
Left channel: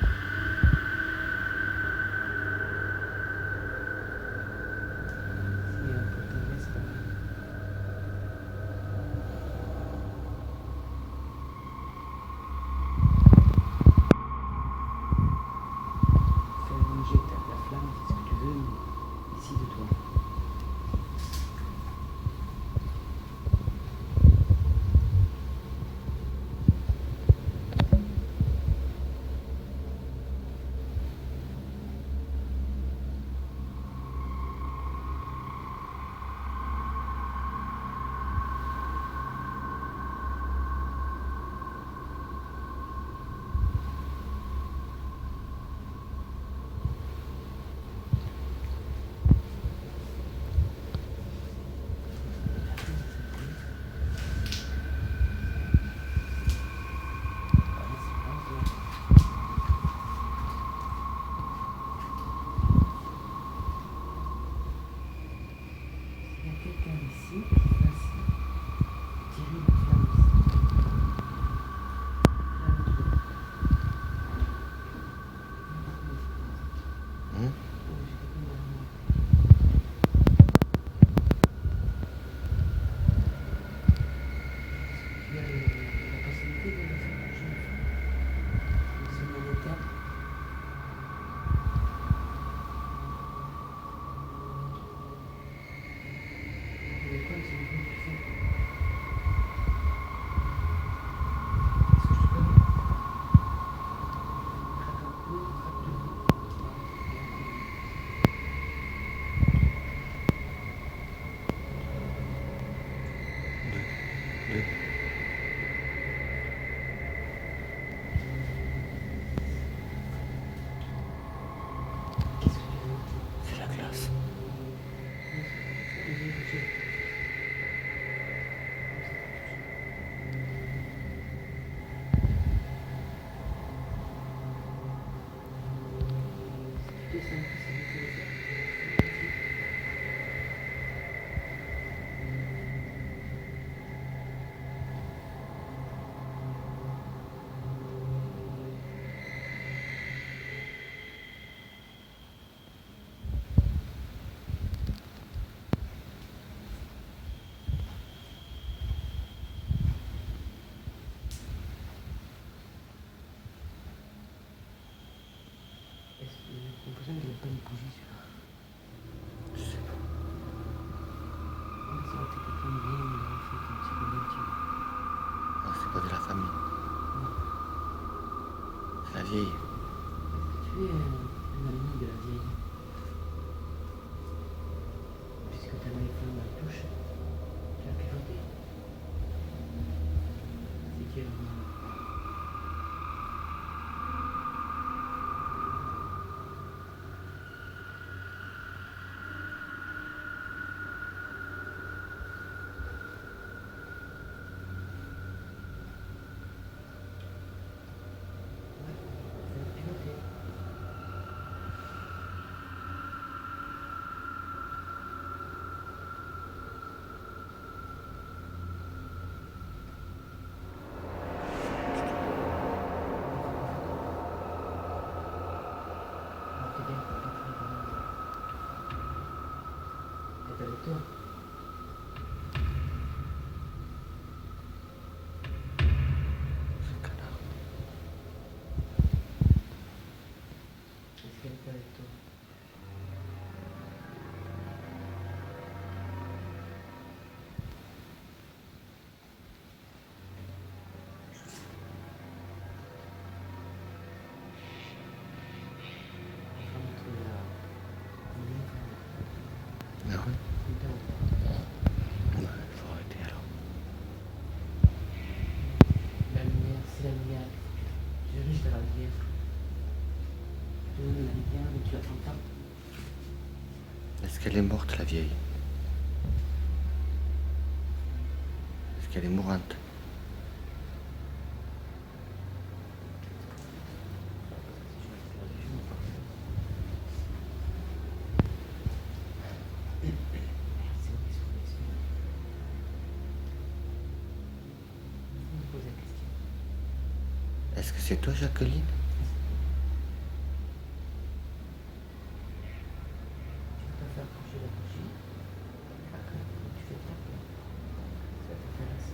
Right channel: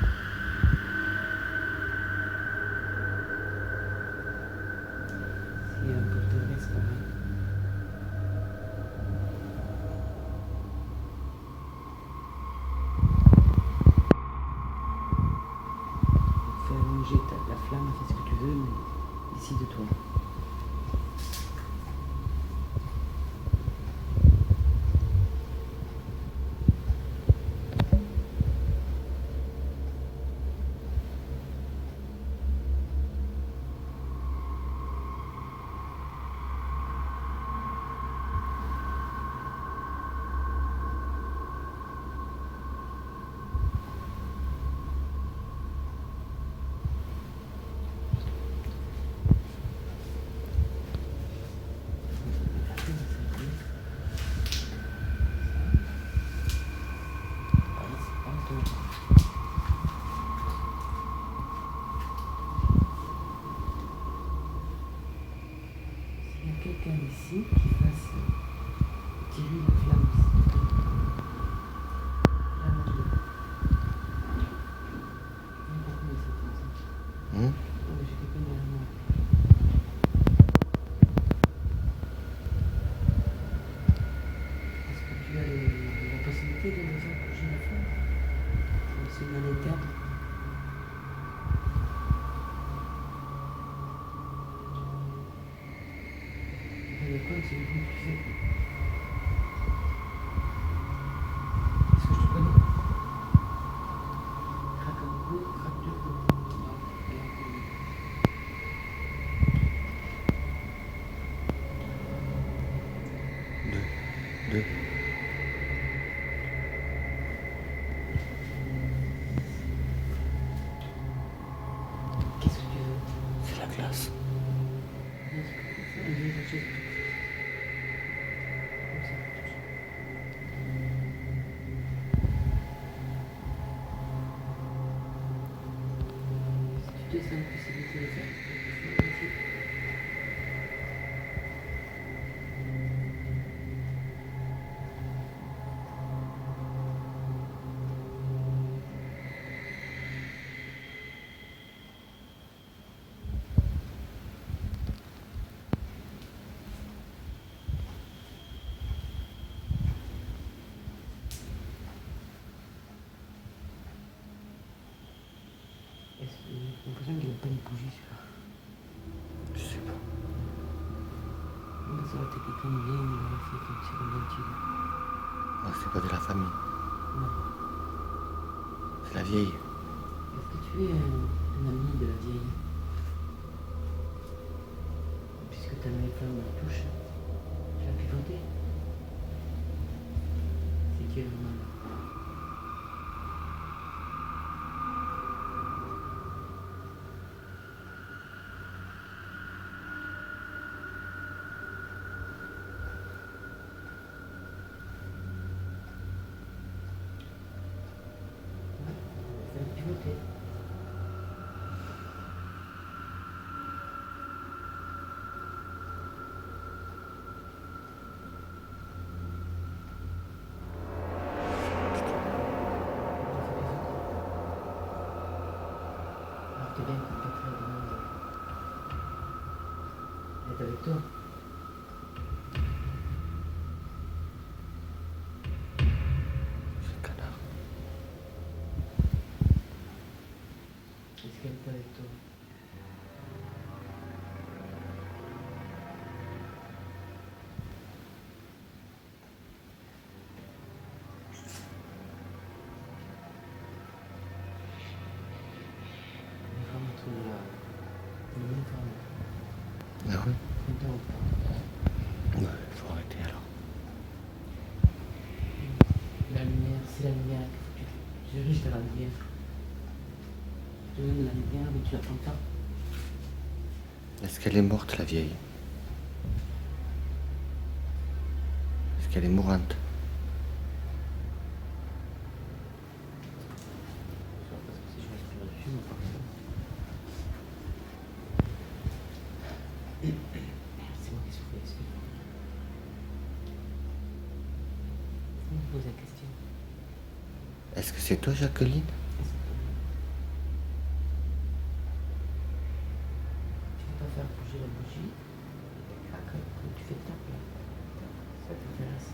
vieille. Tu es un ami de la vieille. Puisque tu as mis les femmes dans la douche, tu vas picoter. C'est dur. Avec toi. C'est un canard. Est-ce qu'elle est avec toi? Ah ouais? Ouais, il faut arrêter alors. La lumière, c'est la lumière. Je vais la lumière. Je vais la lumière, mais tu l'attends pas. Est-ce qu'elle est morte, la vieille? Est-ce qu'elle est mourante? Pose la question. Est-ce que c'est toi, Jacqueline? Tu peux pas faire bouger la bougie. Après, tu fais quoi? Ça t'intéresse.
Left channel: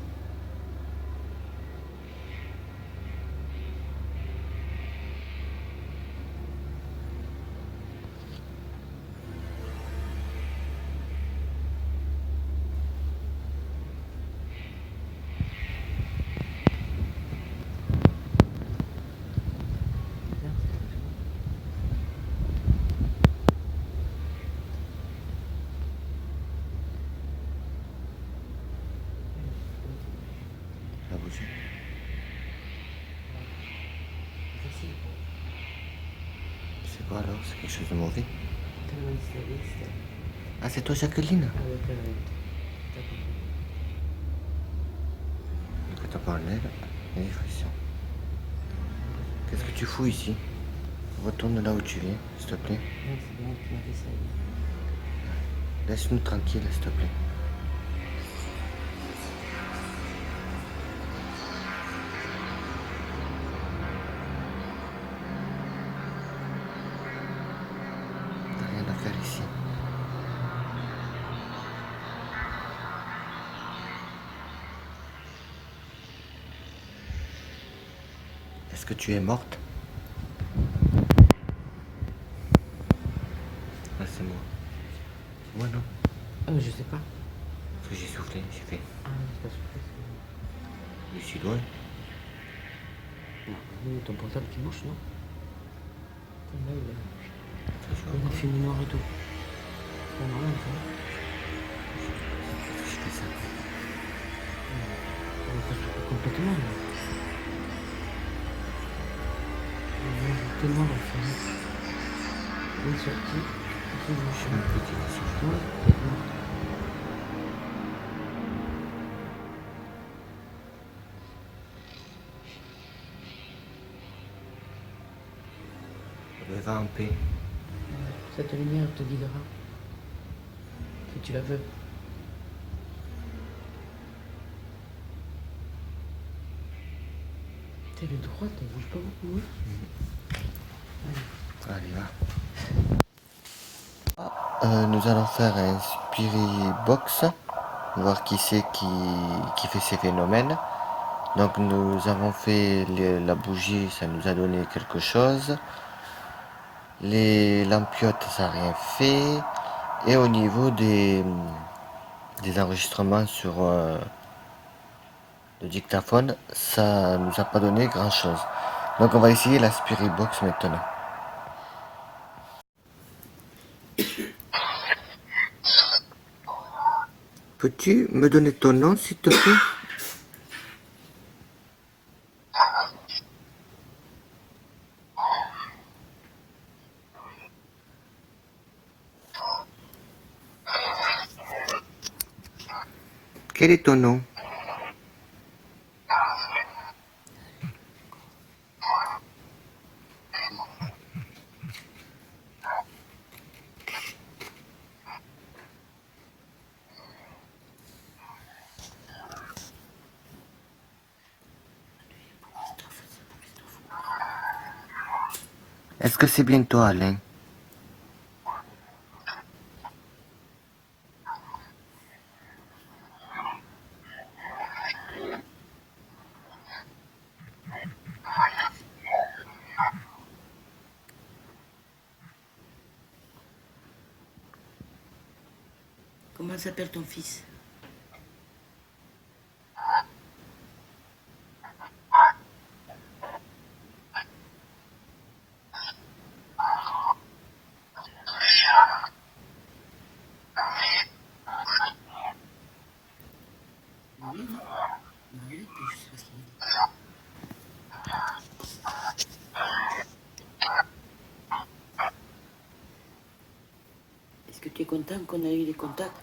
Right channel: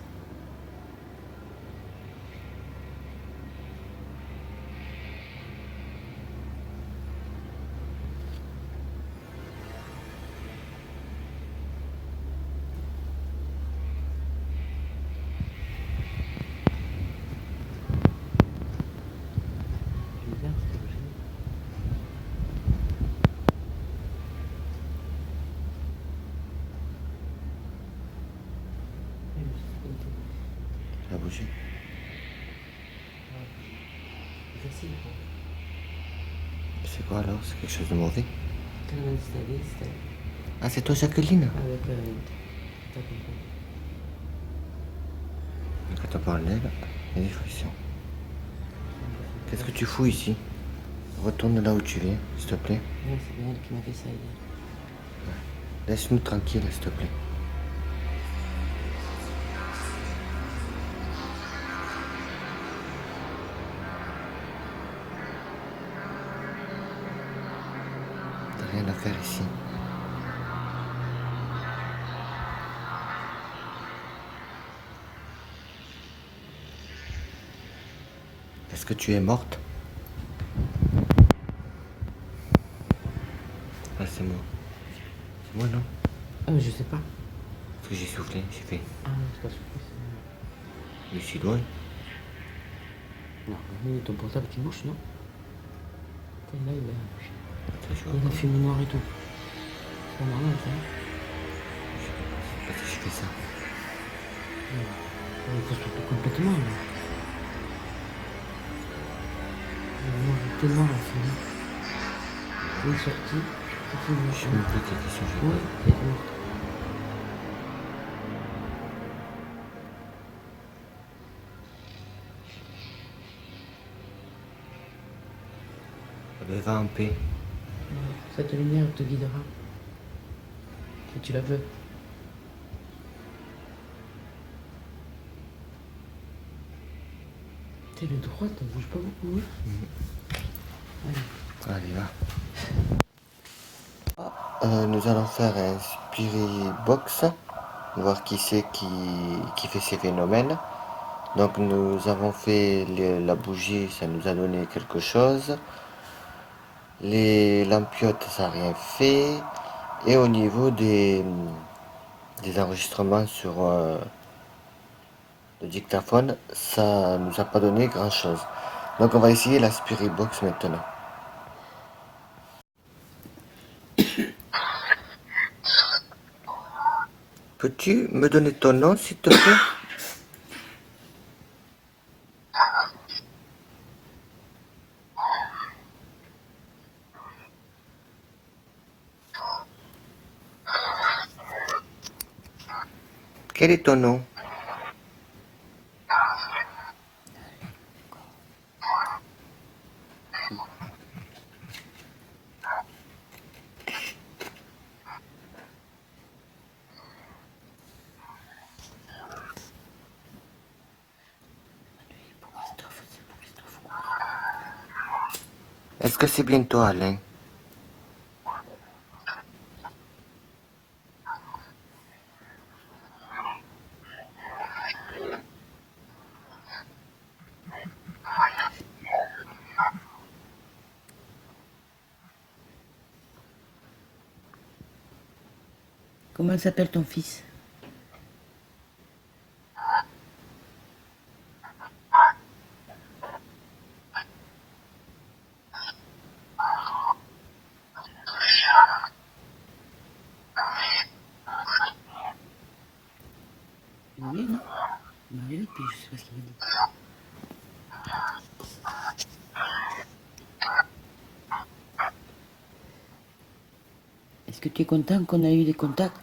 Tu veux faire quelque chose? La bougie. Merci. C'est quoi alors? C'est quelque chose de mauvais? T'as le installé. Ah, c'est toi, Jacqueline? Avec ta Quand on parle d'elle, il y a des frictions. Qu'est-ce que tu fous ici? Retourne là où tu es, s'il te plaît. Non, c'est bien elle qui m'a fait ça. Laisse-nous tranquille, s'il te plaît. T'as rien à faire ici. Est-ce que tu es morte? Ah, c'est moi. C'est moi, non? Je sais pas. Parce que j'ai soufflé, j'ai fait. Ah, c'est pas sûr. Je suis loin. Non, ton portable qui marche, non? Là, il Je a fait noir et tout. C'est pas normal, ça. Je fais ça. Complètement. T'es noir, enfin. Oui, ça, c'est une machine. Ouais, c'est noir. Va en paix. Cette lumière te guidera. Si tu la veux. T'es le droit, elle bouge pas beaucoup. Allez, va. Nous allons faire un spirit box. Voir qui c'est qui fait ces phénomènes. Donc nous avons fait la bougie, ça nous a donné quelque chose. Les lampiotes, ça n'a rien fait. Et au niveau des enregistrements sur le dictaphone, ça nous a pas donné grand chose. Donc on va essayer la Spirit Box maintenant. Peux-tu me donner ton nom, s'il te plaît? Quel est ton nom? Est-ce que c'est bien toi, Alain? Comment s'appelle ton fils? Oui, non? Oui, puis je sais pas ce qu'il m'a dit. Est-ce que tu es content qu'on a eu des contacts?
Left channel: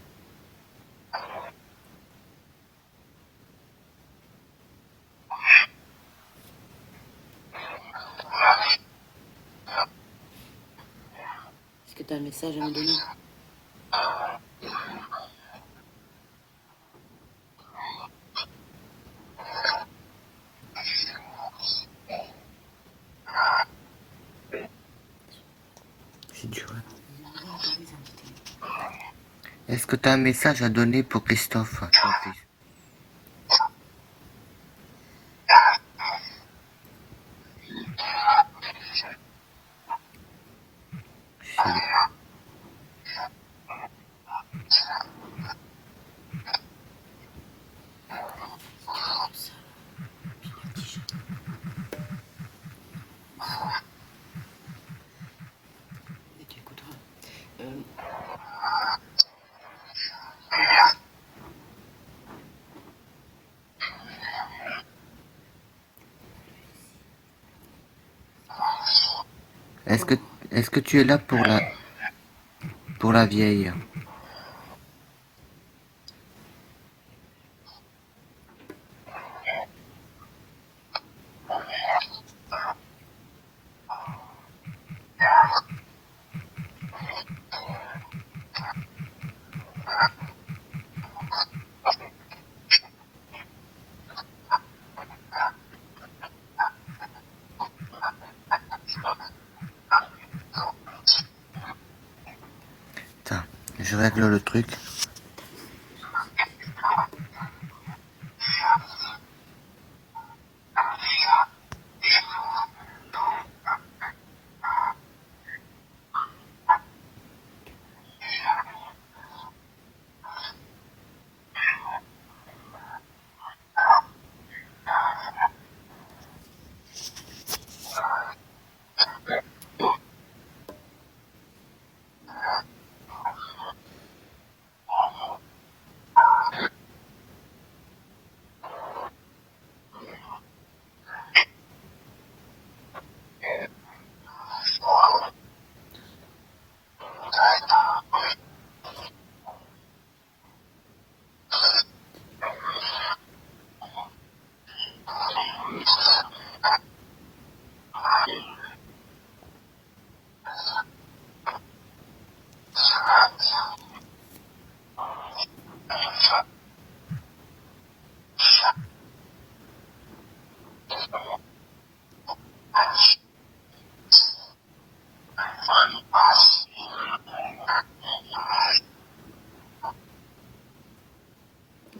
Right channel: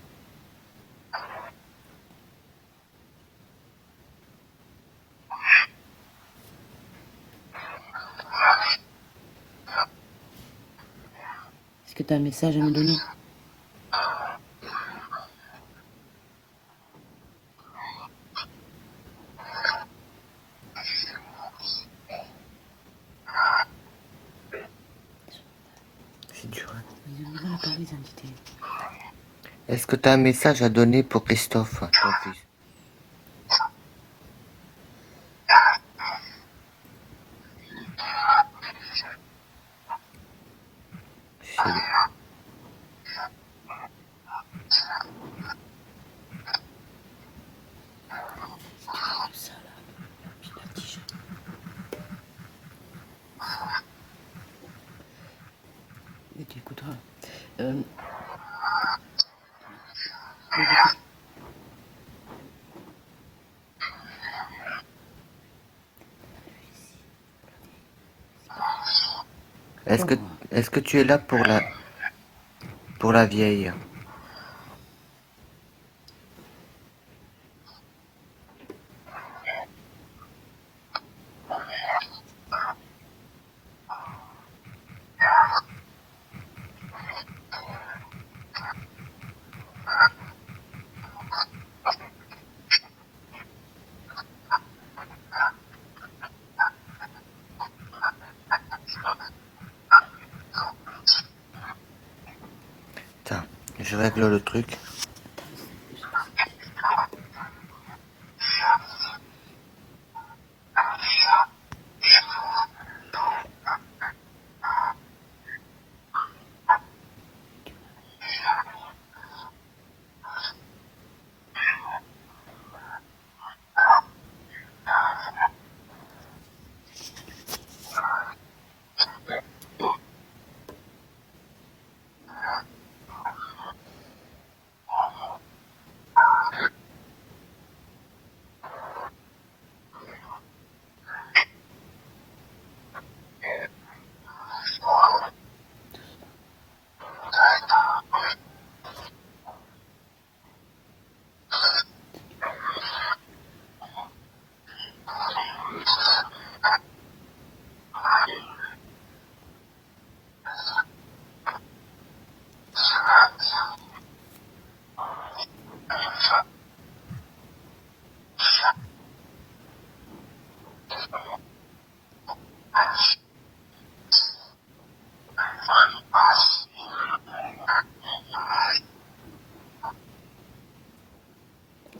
Est-ce que tu as un message à me donner? C'est dur, hein. J'aimerais parler des entités. Est-ce que tu as un message à donner pour Christophe, ton fils? C'est- Ça, là. Puis la tige. Et tu écouteras. Euh, Est-ce que, est-ce que tu es là pour la vieille? Attends, je règle le truc.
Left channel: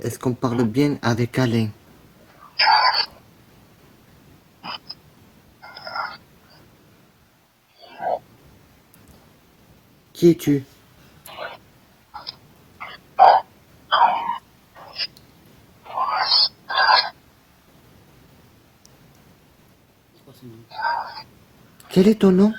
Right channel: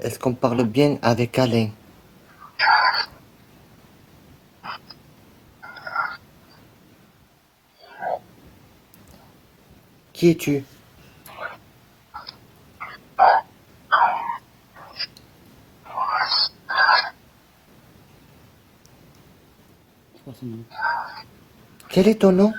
Est-ce qu'on parle bien avec Alain? Qui es-tu? ton nom. Quel est ton nom?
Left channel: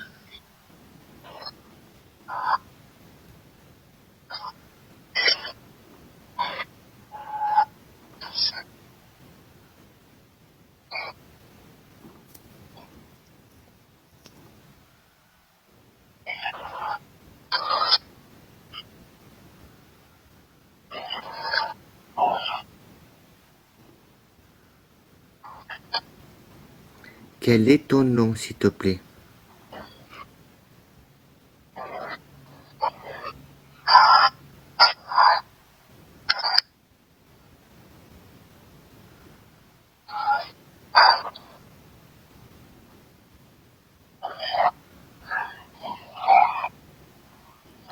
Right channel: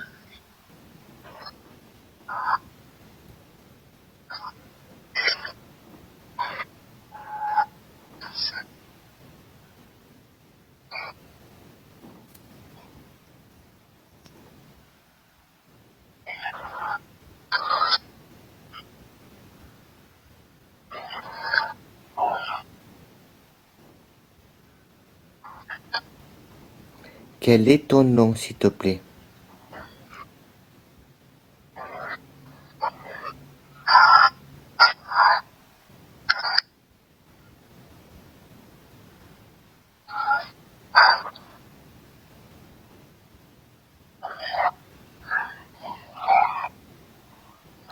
Quel est ton nom, s'il te plaît?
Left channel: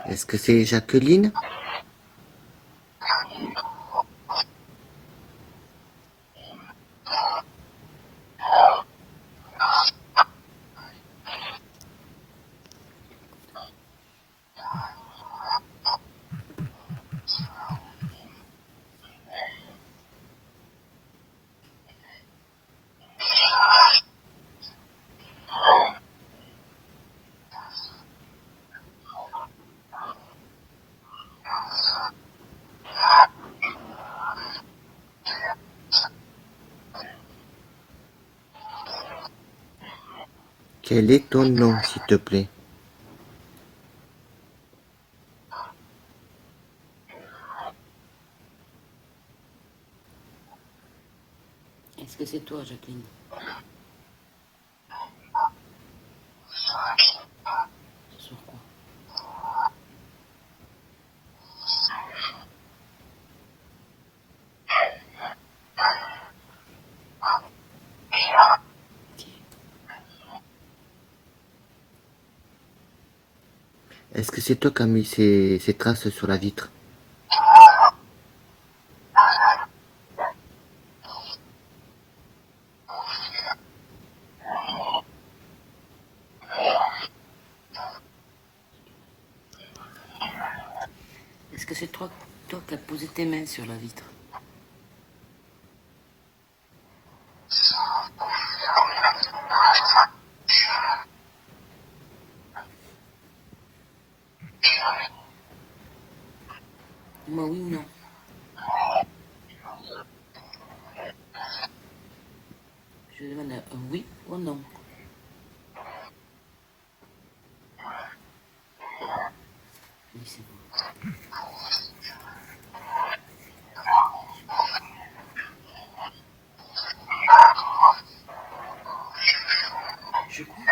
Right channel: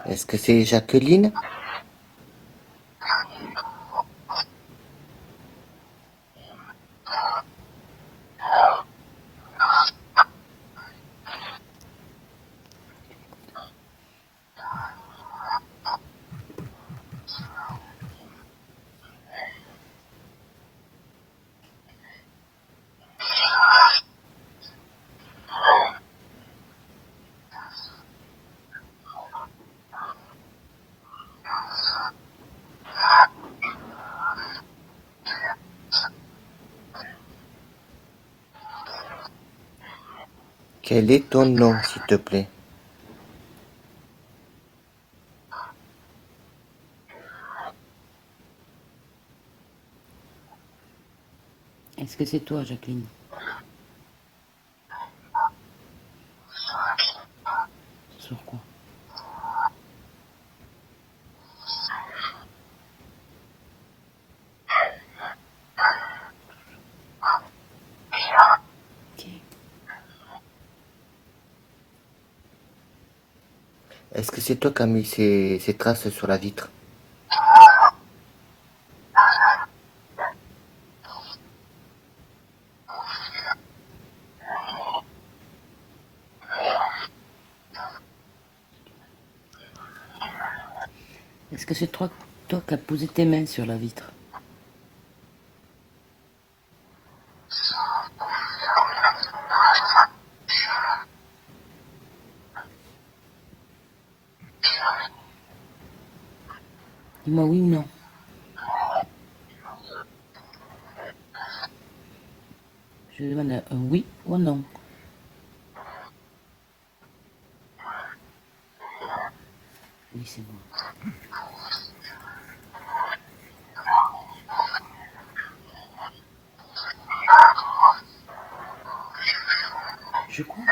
Est-ce que c'est Jacqueline? Quel est ton nom, s'il te plaît? Est-ce que c'est toi, Jacqueline? Sur quoi? Ok. Est-ce que c'est toi qui as mis ces traces sur la vitre? Est-ce que c'est toi qui as posé tes mains sur la vitre? Dis-moi oui ou non. Je demande un oui ou un non. Oui, c'est bon. Je crois.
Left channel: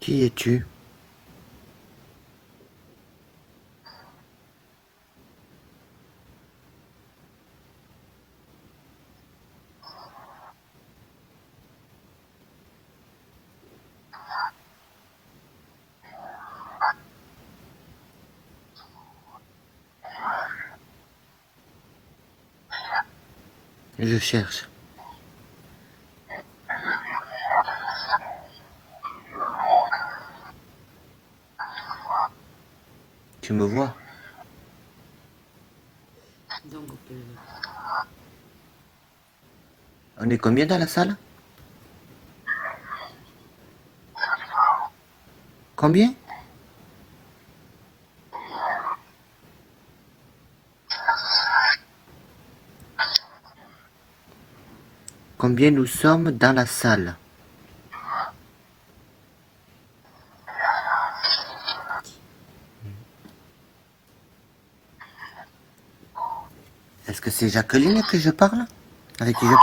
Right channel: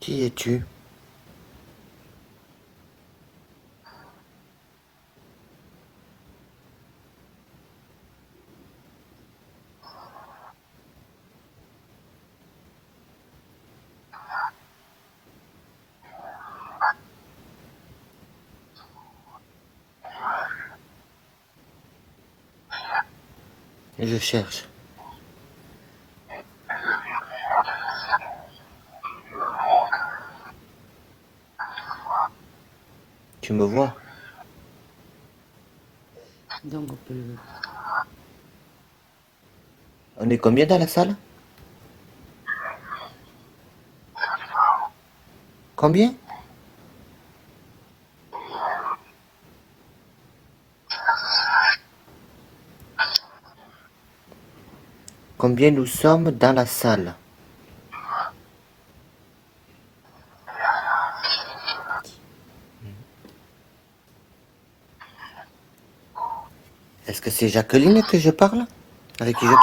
Qui es-tu? Je cherche. Tu me vois? Donc on peut... On est combien dans la salle? Combien? Combien nous sommes dans la salle? Est-ce que c'est Jacqueline que je parle? Avec qui je...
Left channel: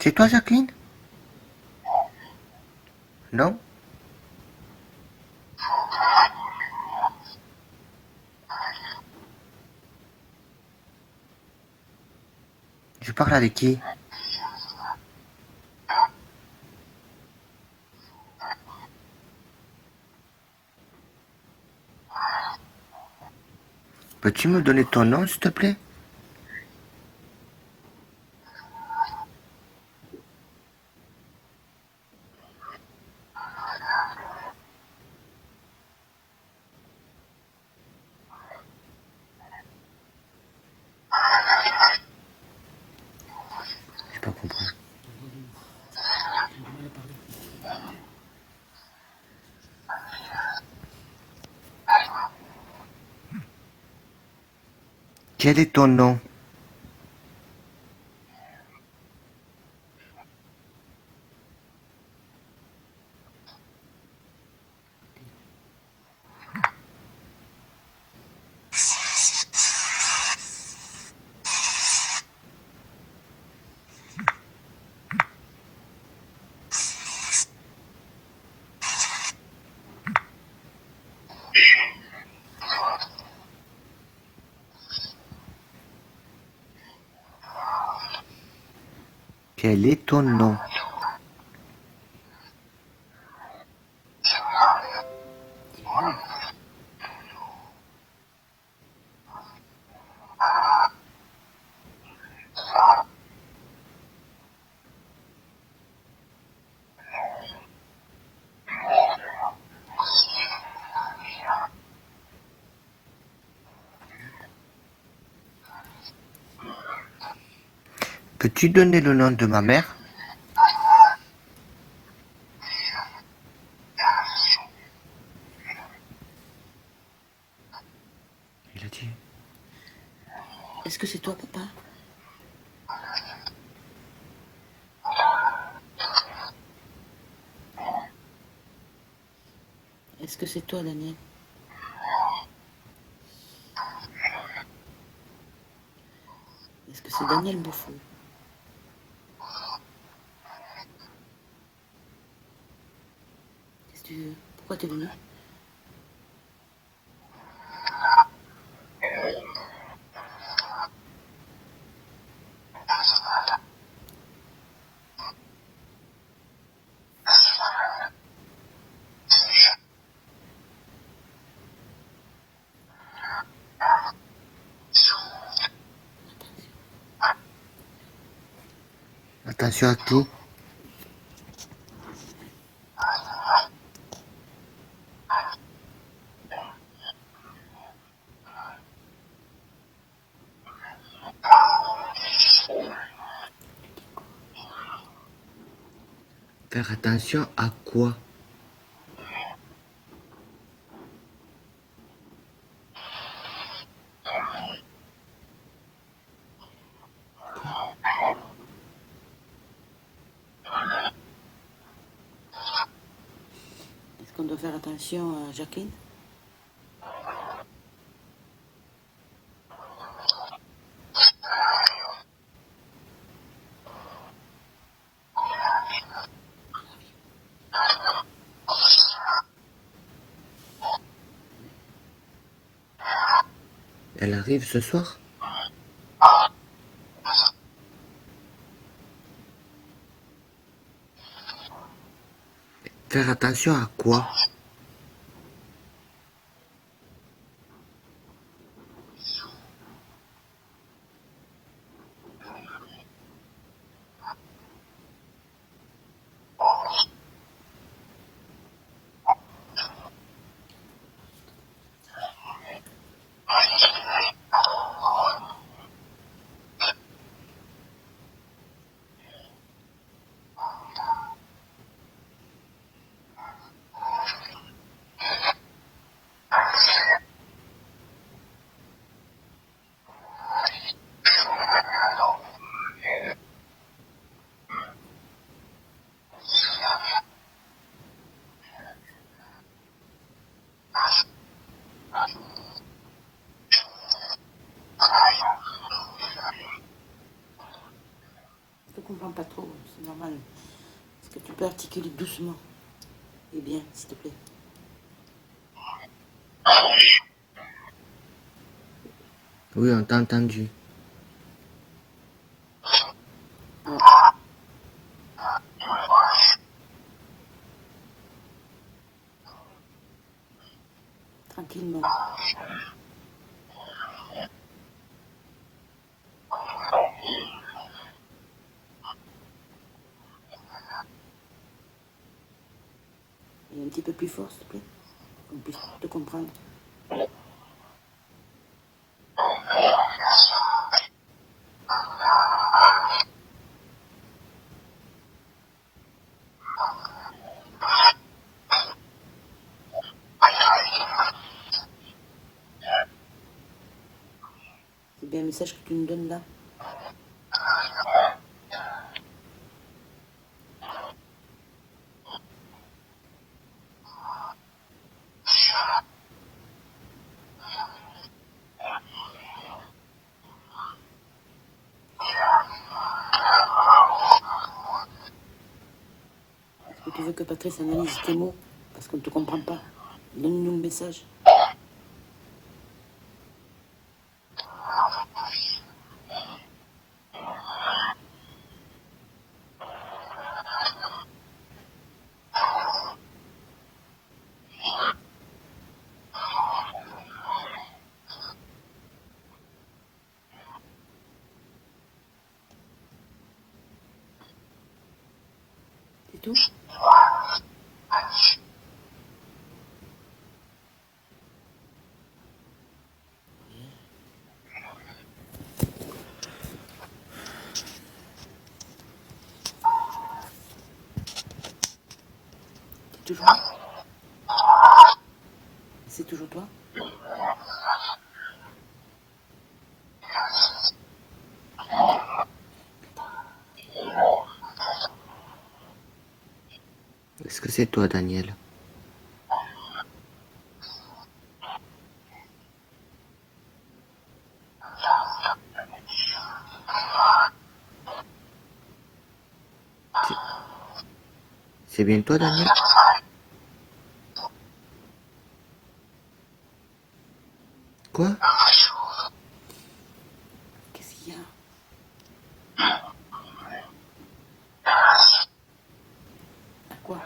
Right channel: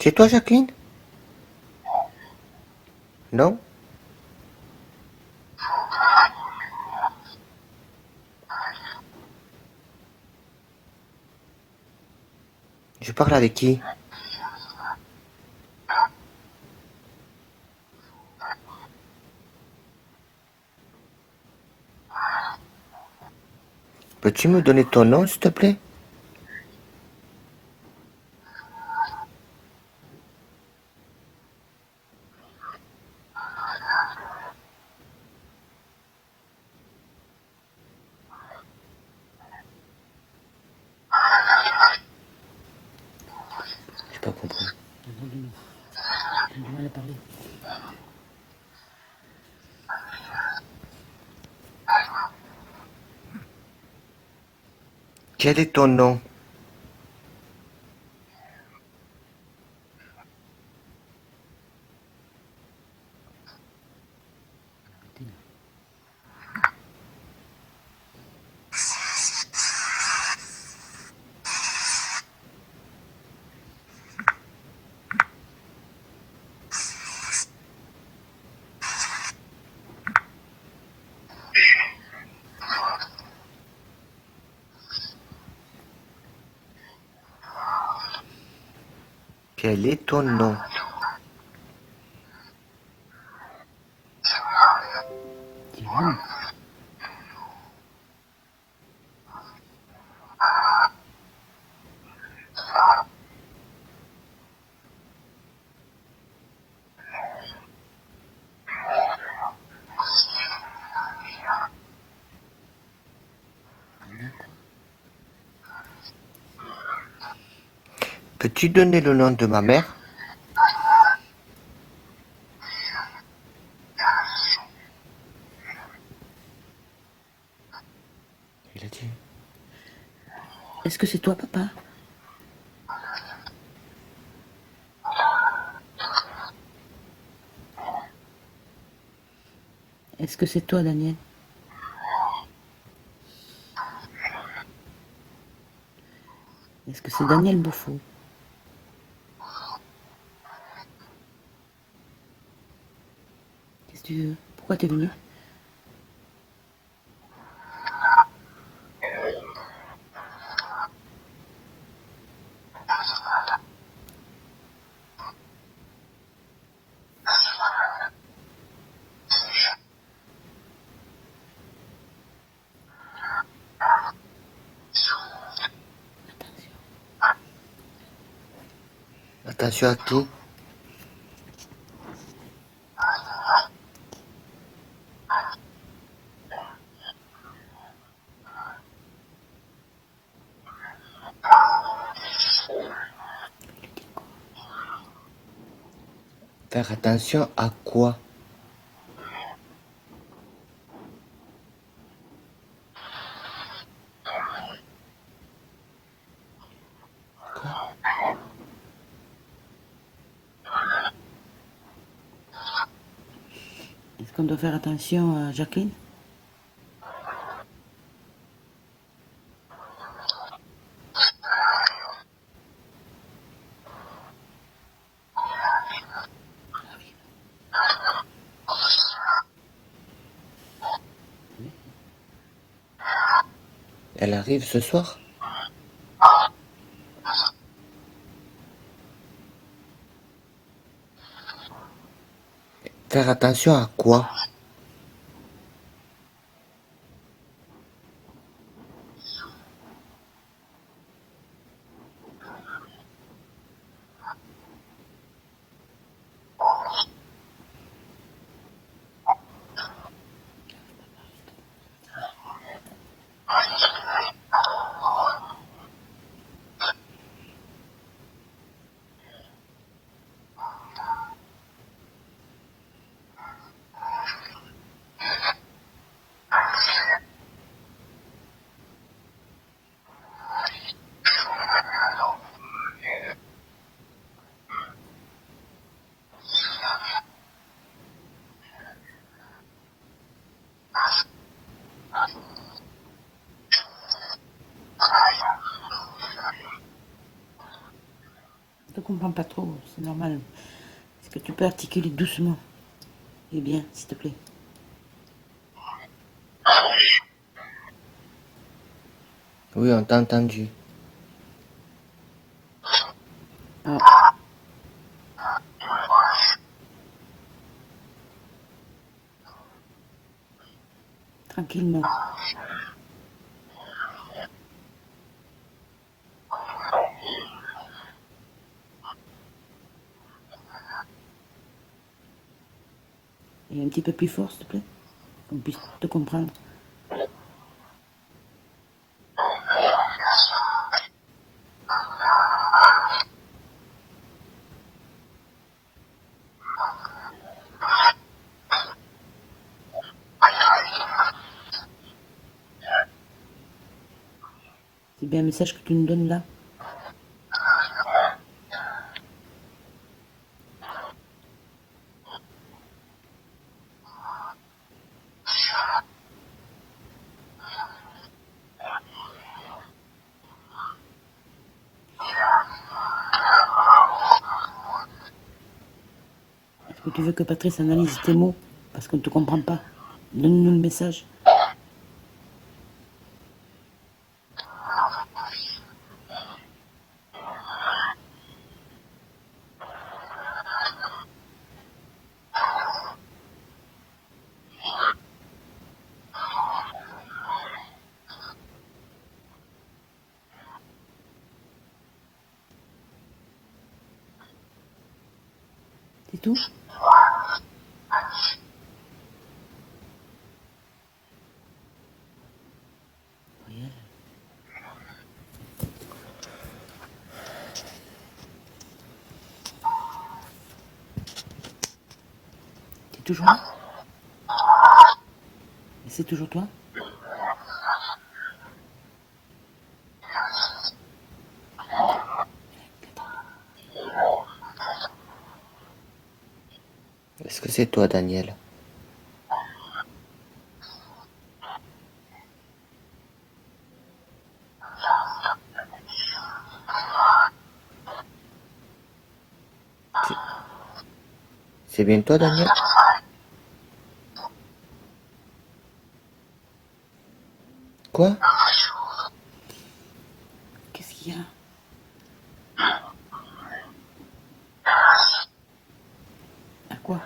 C'est toi, Jacqueline? Non? Je parle avec qui? Peux-tu me donner ton nom, s'il te plaît? J'ai pas compris. J'ai du mal à parler. Quel est ton nom? Quel est ton nom? Diane. Peux-tu donner le nom de ma mère? Il a dit. Est-ce que c'est toi, papa? Est-ce que c'est toi, Daniel? Est-ce que c'est Daniel Beaufort? Qu'est-ce que tu veux? Pourquoi t'es venu? Attention à qui? Faire attention à quoi? Est-ce qu'on doit faire attention à Jacqueline? Elle arrive ce soir? Faire attention à quoi? comprends pas trop, c'est normal. Est-ce que tu peux articuler doucement et bien, s'il te plaît? Oui, on t'a entendu. Ah. Tranquillement. Et un petit peu plus fort, s'il te plaît, qu'on puisse te comprendre. C'est bien un message que tu nous donnes là? Est-ce que tu veux que Patrice analyse tes mots? Parce qu'on ne te comprend pas. Donne-nous le message. C'est tout? T'es toujours là? Et c'est toujours toi? Est-ce que c'est toi, Daniel? C'est bien toi, Daniel? Quoi? Qu'est-ce qu'il y a? À quoi?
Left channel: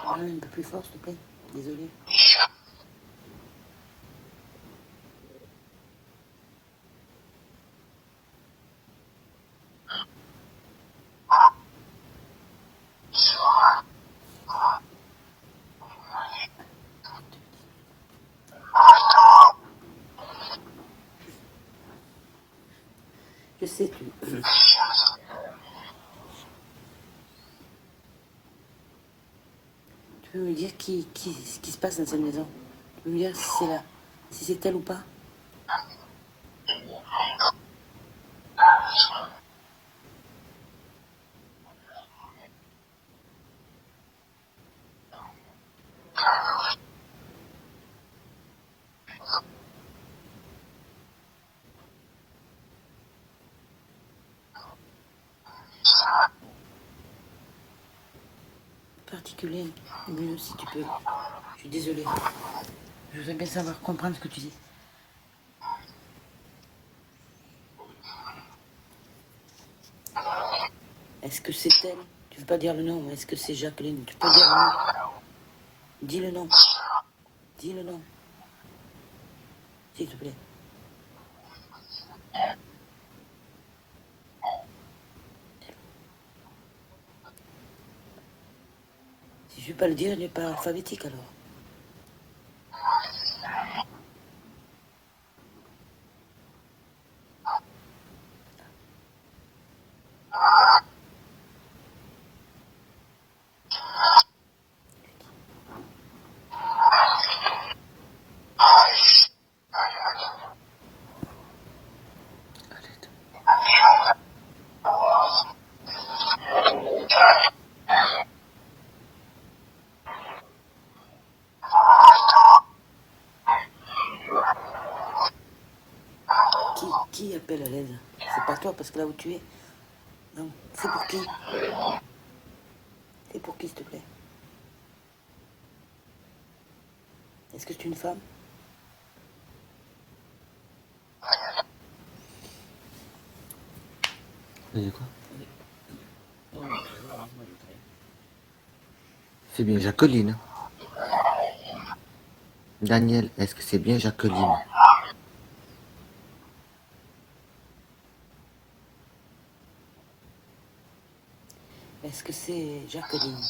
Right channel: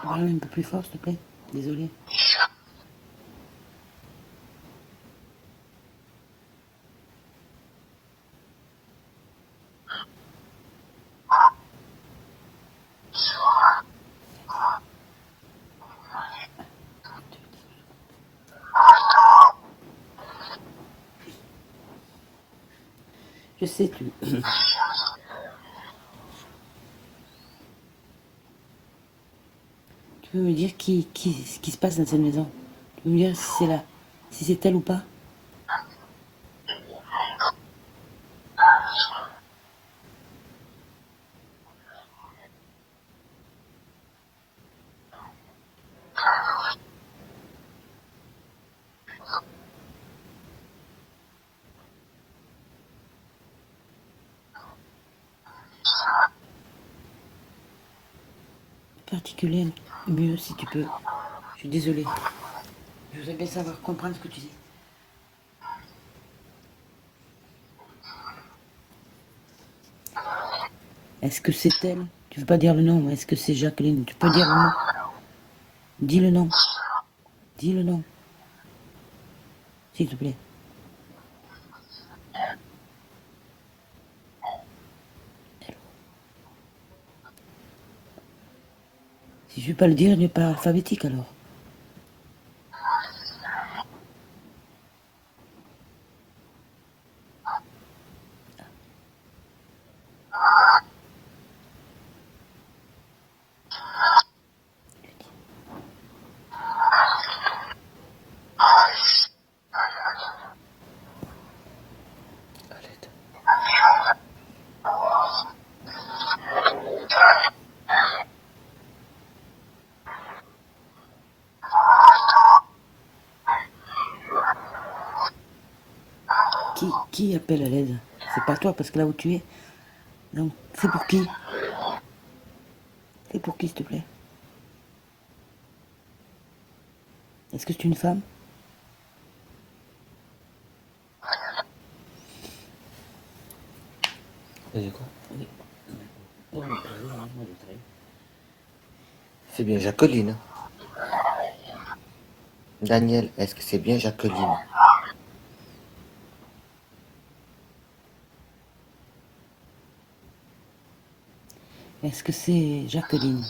Parle un peu plus fort, s'il te plaît. Désolé. Je sais, tu peux me dire ce qui se passe dans cette maison? Tu peux me dire si c'est là, si c'est elle ou pas? Particulier, mieux si tu peux. Je suis désolée. Je voudrais bien savoir, comprendre ce que tu dis. Est-ce que c'est elle? Tu veux pas dire le nom, mais est-ce que c'est Jacqueline? Tu peux dire le nom? Dis le nom. Dis le nom, s'il te plaît. Si je ne vais pas le dire, il n'est pas alphabétique alors. Qui appelle à l'aide? C'est pas toi, parce que là où tu es. Donc, c'est pour qui? C'est pour qui, s'il te plaît? Est-ce que c'est une femme? C'est quoi? Oh, C'est bien Jacqueline. Daniel, est-ce que c'est bien Jacqueline? est-ce que c'est Jacqueline?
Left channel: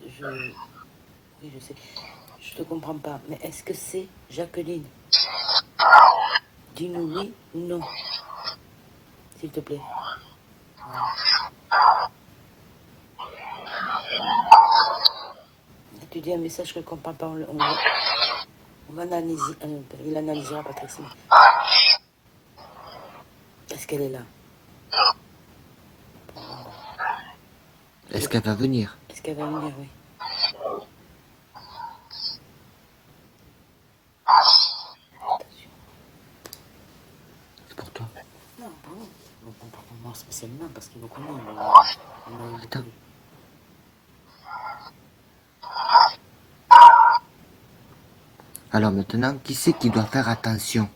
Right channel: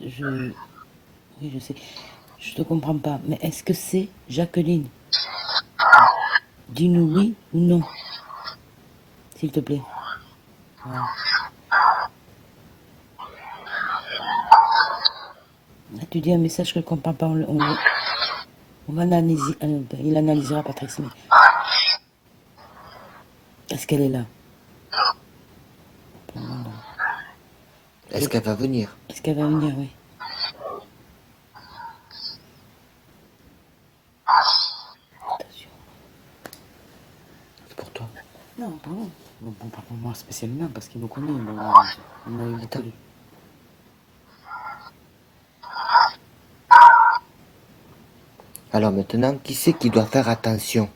Oui, je sais. Je te comprends pas. Mais est-ce que c'est Jacqueline? Dis-nous oui ou non, s'il te plaît. Voilà. Là, tu dis un message que je ne comprends pas. On va analyser. Il analysera, Patrice. Mais est-ce qu'elle est là? Est-ce qu'elle va venir? Est-ce qu'elle va venir? Oui. Attention. C'est pour toi. Non, pardon. Bon, pas pour moi spécialement, parce qu'il me connaît. Mais on a eu Attends. Alors maintenant, qui c'est qui doit faire attention?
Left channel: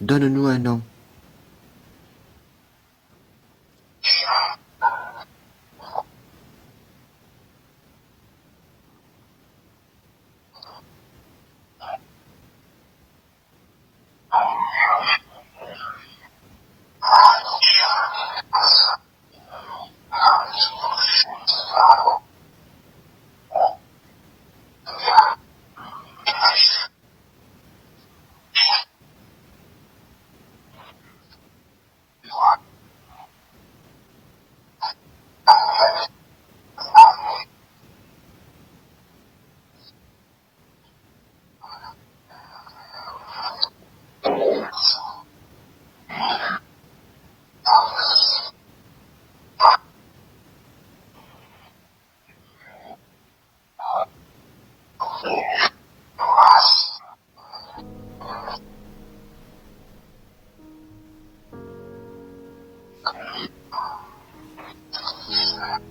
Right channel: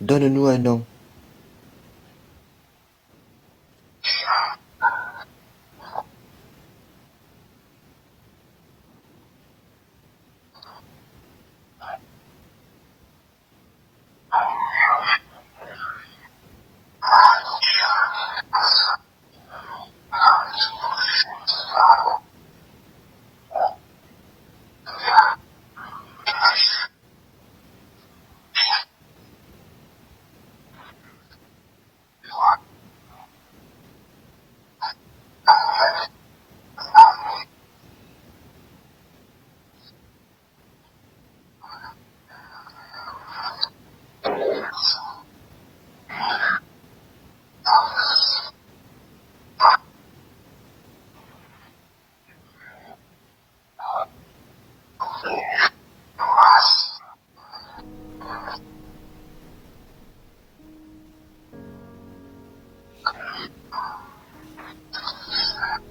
Donne-nous un nom.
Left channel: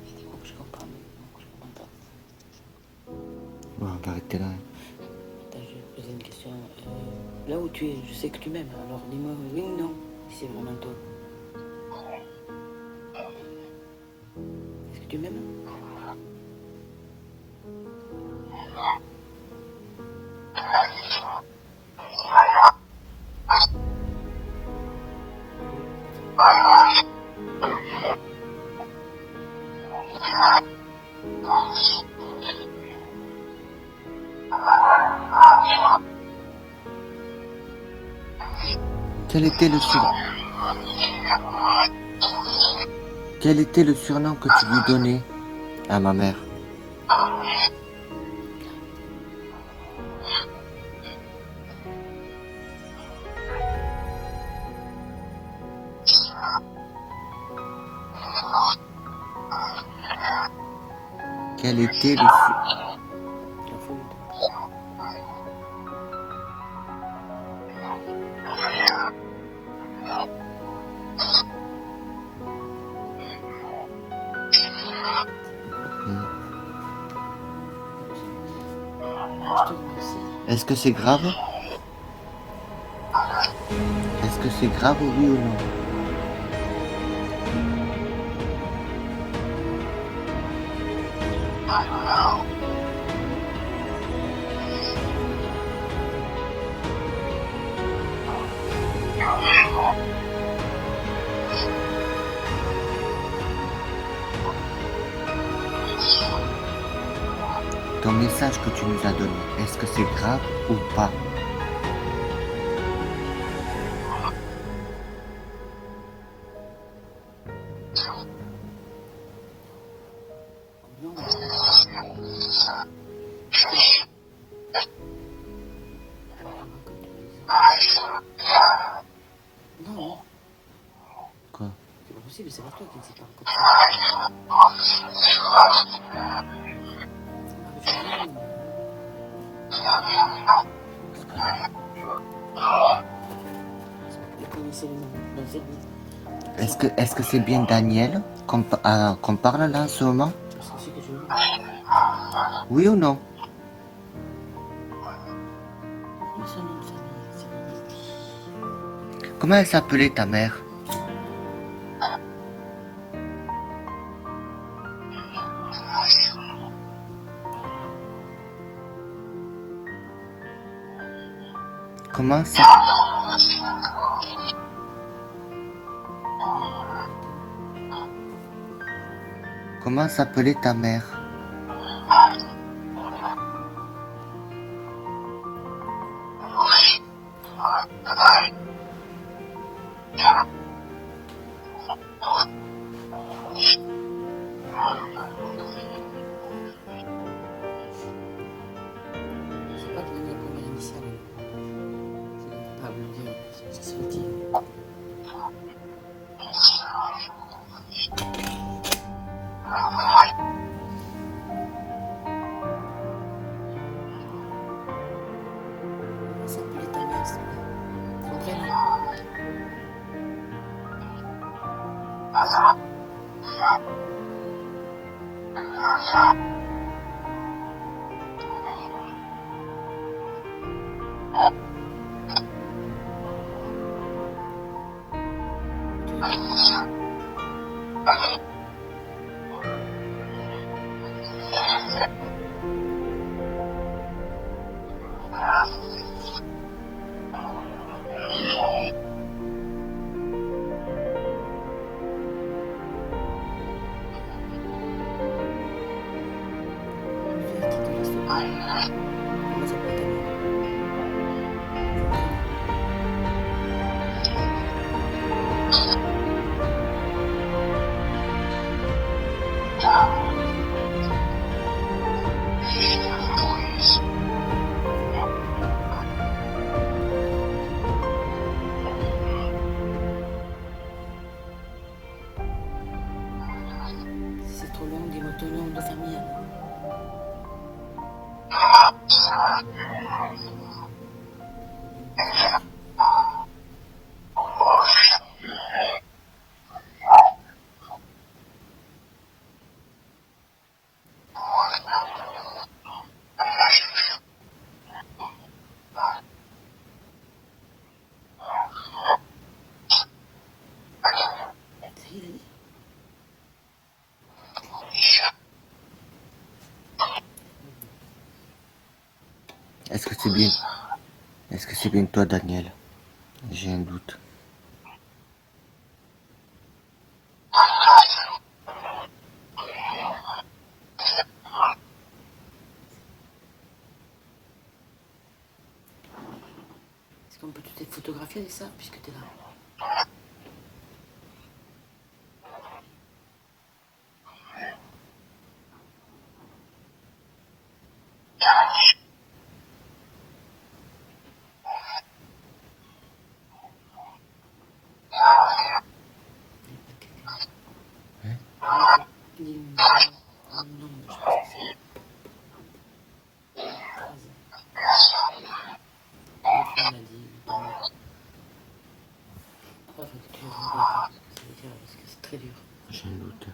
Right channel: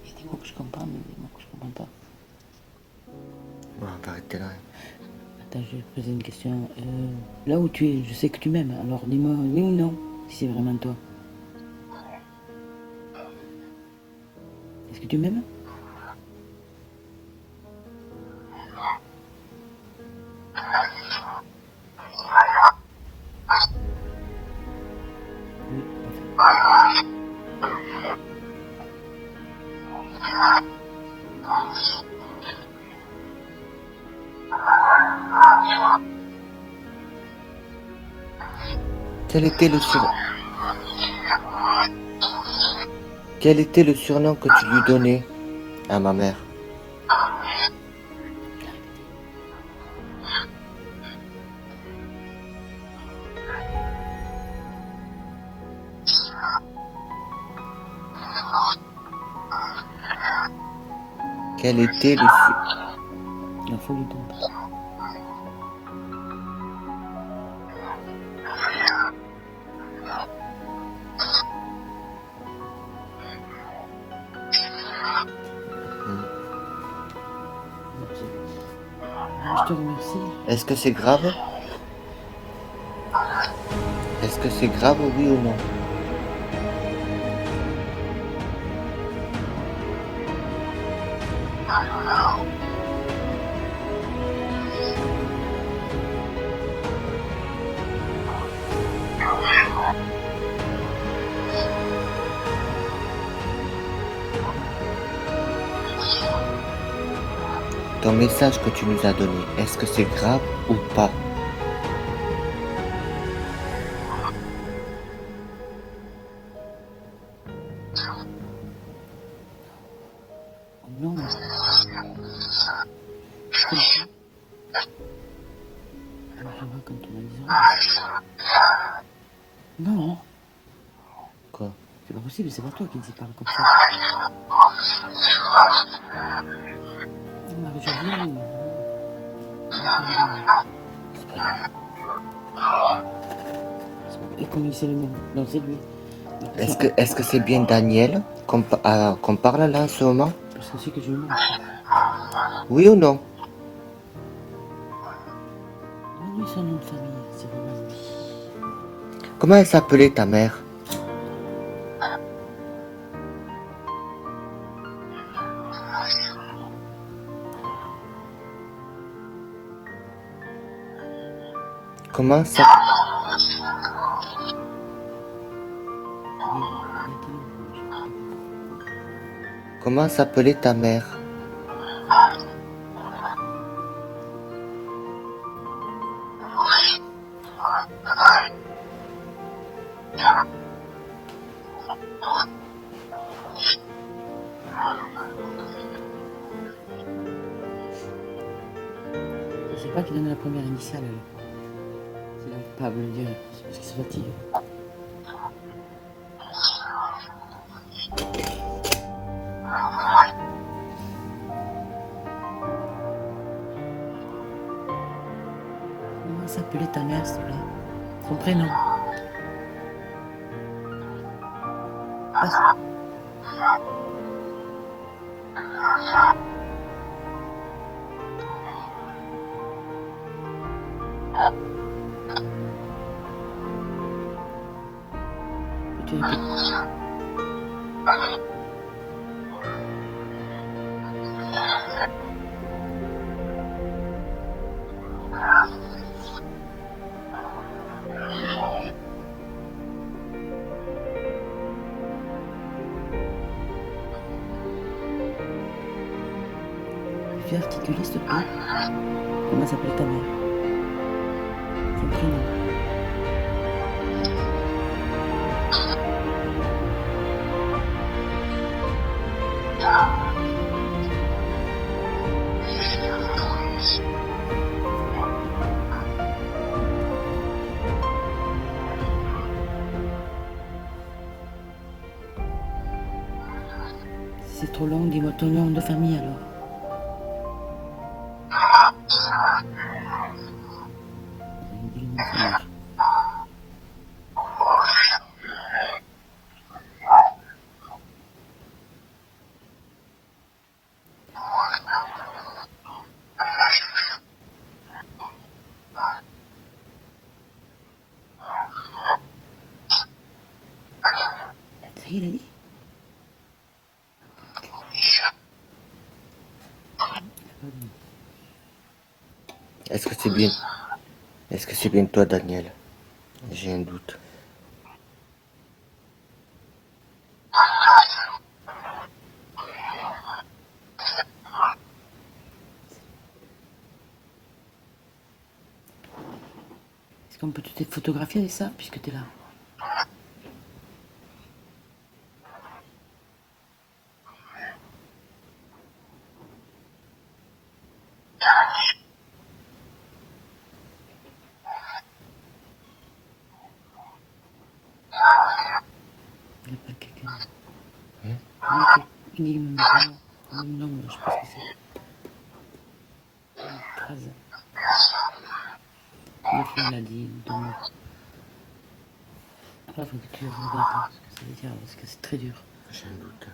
Dis-moi que je comprends, mais dis-moi que je comprends pas. Bon, on va arrêter là. Attends, je vais te poser une question. Là où tu es, je sais que tu m'aimes. Alors dis-moi oui ou non, si c'est vraiment toi. Est-ce que tu m'aimes? Quel était le surnom? Quel était le surnom que tu lui donnais à ma mère? Quel était le surnom? Il faut lui donner. Je te remercie. Est-ce que c'est grave? Est-ce que c'est grave, oui ou non? ton message que tu nous as donné, est-ce que c'est grave ou pas? Non. Je comprends. Alors, comme tu m'as dit. Non, Quoi? c'est pas possible, c'est pas toi qui dis parle comme ça. Non, Marie-Josée. Et comment il sait les noms? Non, c'est lui. Est-ce que c'est bien Daniel qu'on parle là en ce moment? Parce que c'est que je mens. Oui ou non? Non, c'est un nom de famille, c'est vraiment lui. Comment elle s'appelait ta mère? Comment ça? Comment s'appelait ta mère? Je sais pas qui donne la première initiale. Il n'arrive pas à me le dire, c'est parce qu'il se fatigue. Comment s'appelait ta mère, s'il te plaît? Son prénom. Tu répètes. Tu peux articuler, s'il te plaît? Comment s'appelle ta mère? Son prénom. Si c'est trop long, dis-moi ton nom de famille alors. Dis le nom de sa mère. Ça y est, il a dit? Est-ce que c'est bien? Est-ce que c'est bien toi, Daniel? J'ai un doute. Est-ce qu'on peut te photographier avec ça, puisque tu es là? Il n'y a pas quelqu'un. Hein? Dis le nom de ta mère. Non, je sais pas ce que c'est. Une phrase. Une fois, elle a dit ton nom. Après, il faut que tu regardes ce que ça veut dire, parce que c'est très dur. J'ai un doute.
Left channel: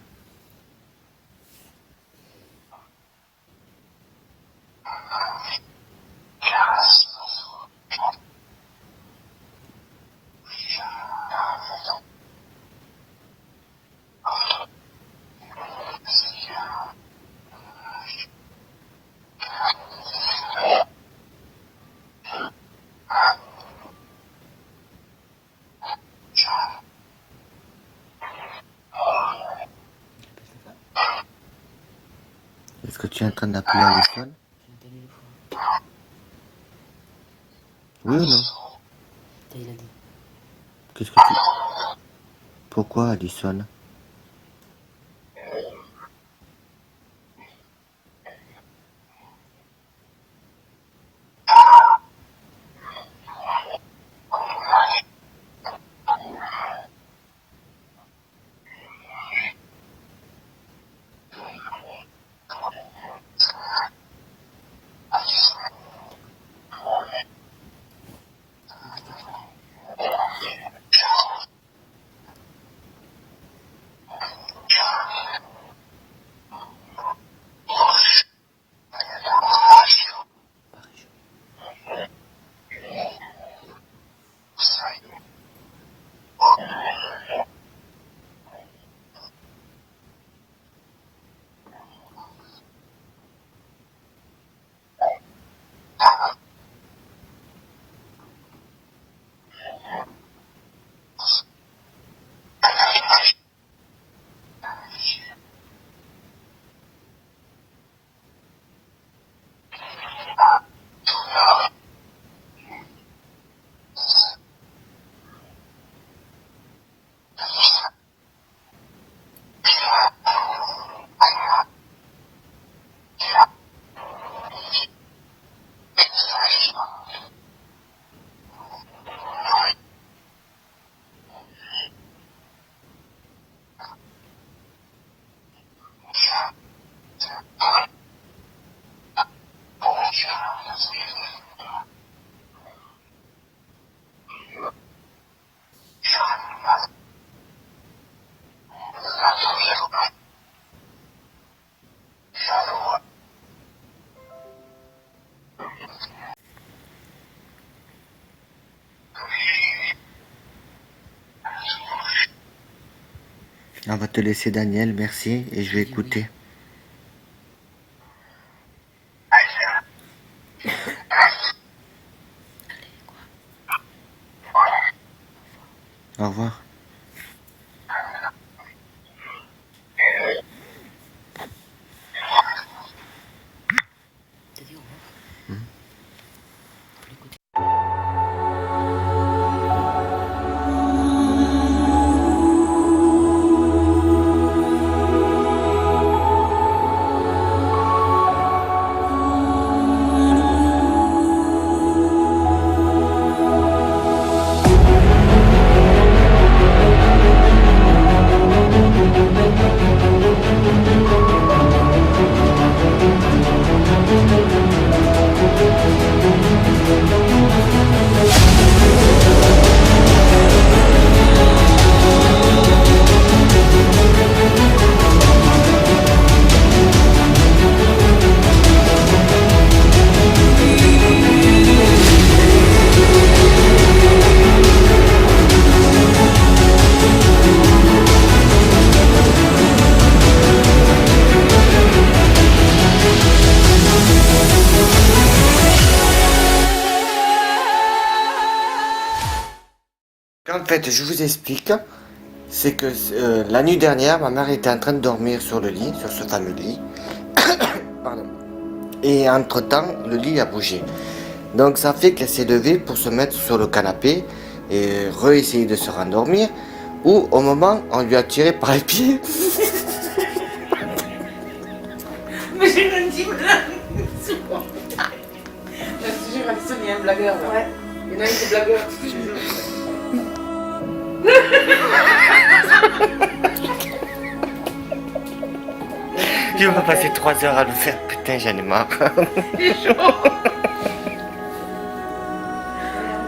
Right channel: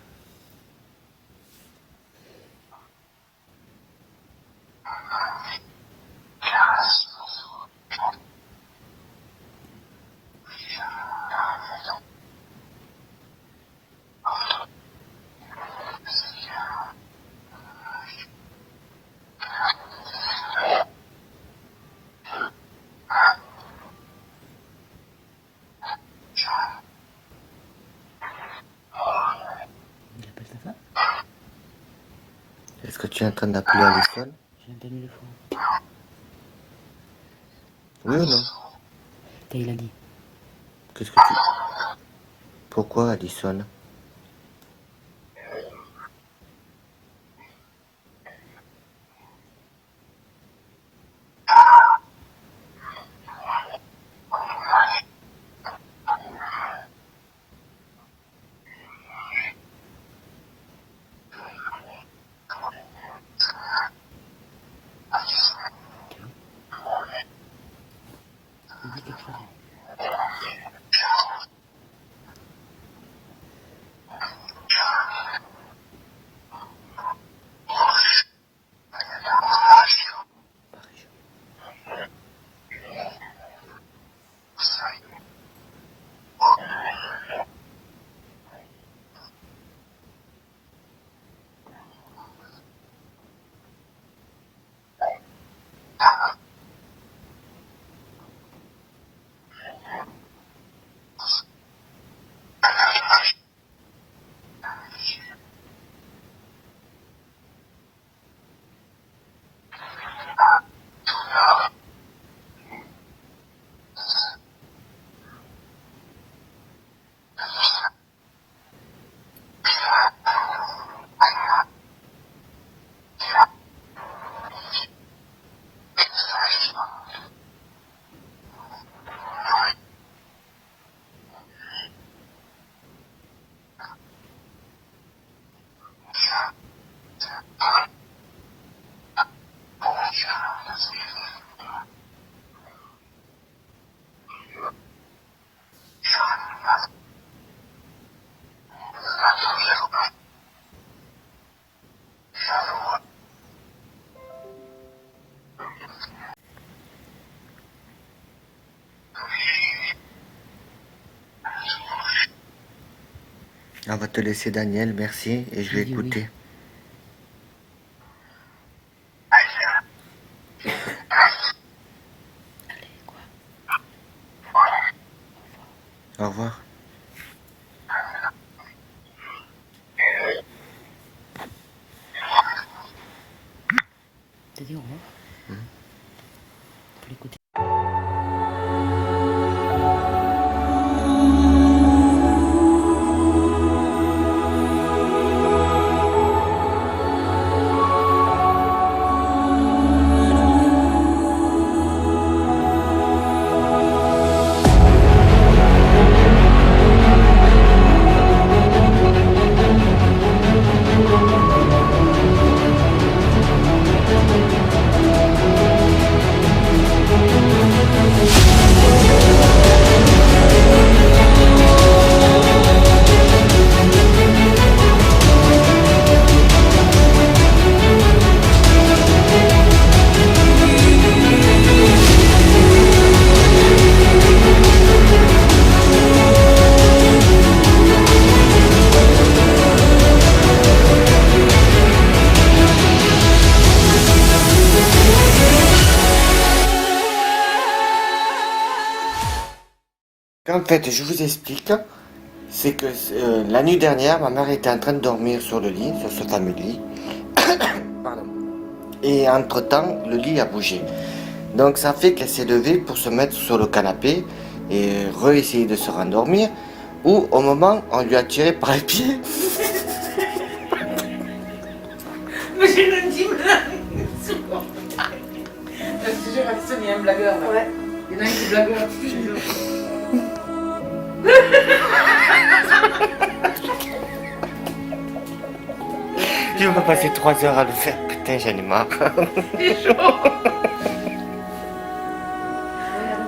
Il appelle ta femme? Est-ce que tu es en train d'appeler Alison? mille fois. Oui ou non? Il a dit. Qu'est-ce que tu... Pourquoi Addison? Il dit quelque chose. On va te laisser Daniel, merci, et je vais Oui, écouter. Au revoir. T'as dit au revoir? Faut l'écouter. En fait, je vous explique, c'est que la nuit dernière, ma mère était en train de dormir sur le lit, sur ce fameux lit. Pardon. Et entre-temps, le lit a bougé. Donc ça fait qu'elle s'est levée pour se mettre sur le canapé et réessayer de se rendormir. Ou au moment, on lui a tiré par les pieds. Mais j'ai une intime là. Je te jure, Alison, il y a un blagueur là. Ouais. Il y en a un qui est blagueur, je te jure. Je vais passer 3 heures à le faire. Putain, j'en ai marre. C'est chaud.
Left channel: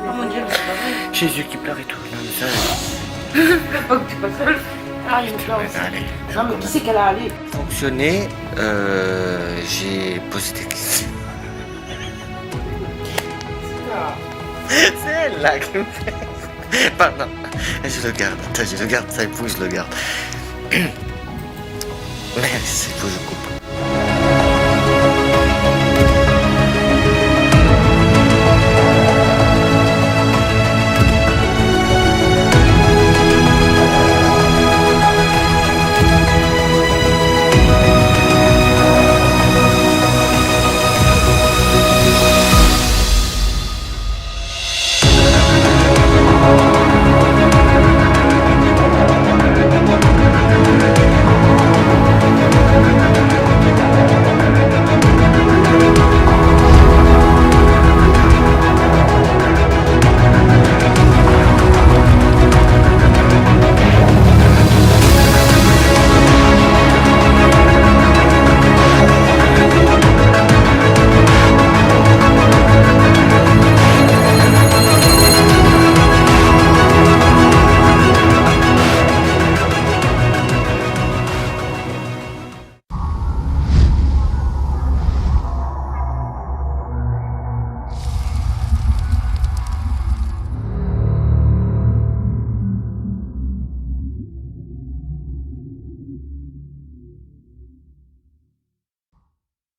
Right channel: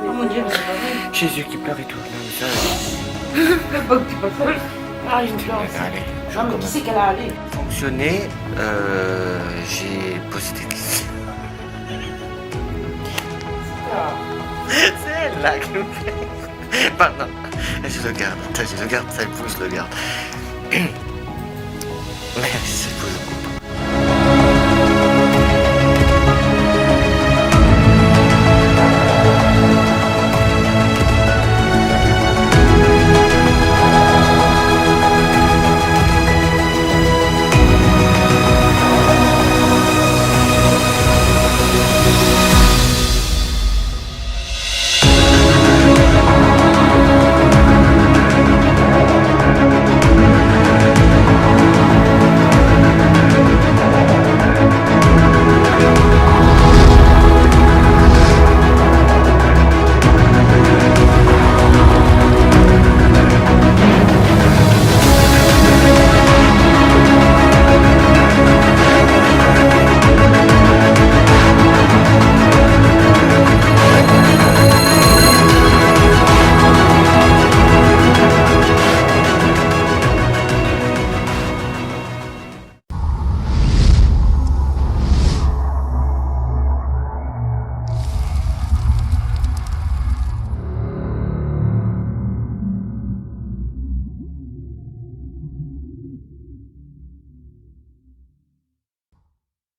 Oh mon dieu, mais c'est pas vrai. Jésus qui pleure et tout. Non, mais ça. Pleure pas que tu pas seul. Ah, il me pleure aussi. Allez, je Non, mais qui commence. c'est qu'elle a allé? Fonctionné, j'ai posé des questions. C'est elle là qui me fait. Pardon, je le garde. Attends, je le garde, ça épouse, je le garde. Merci, il faut que je coupe.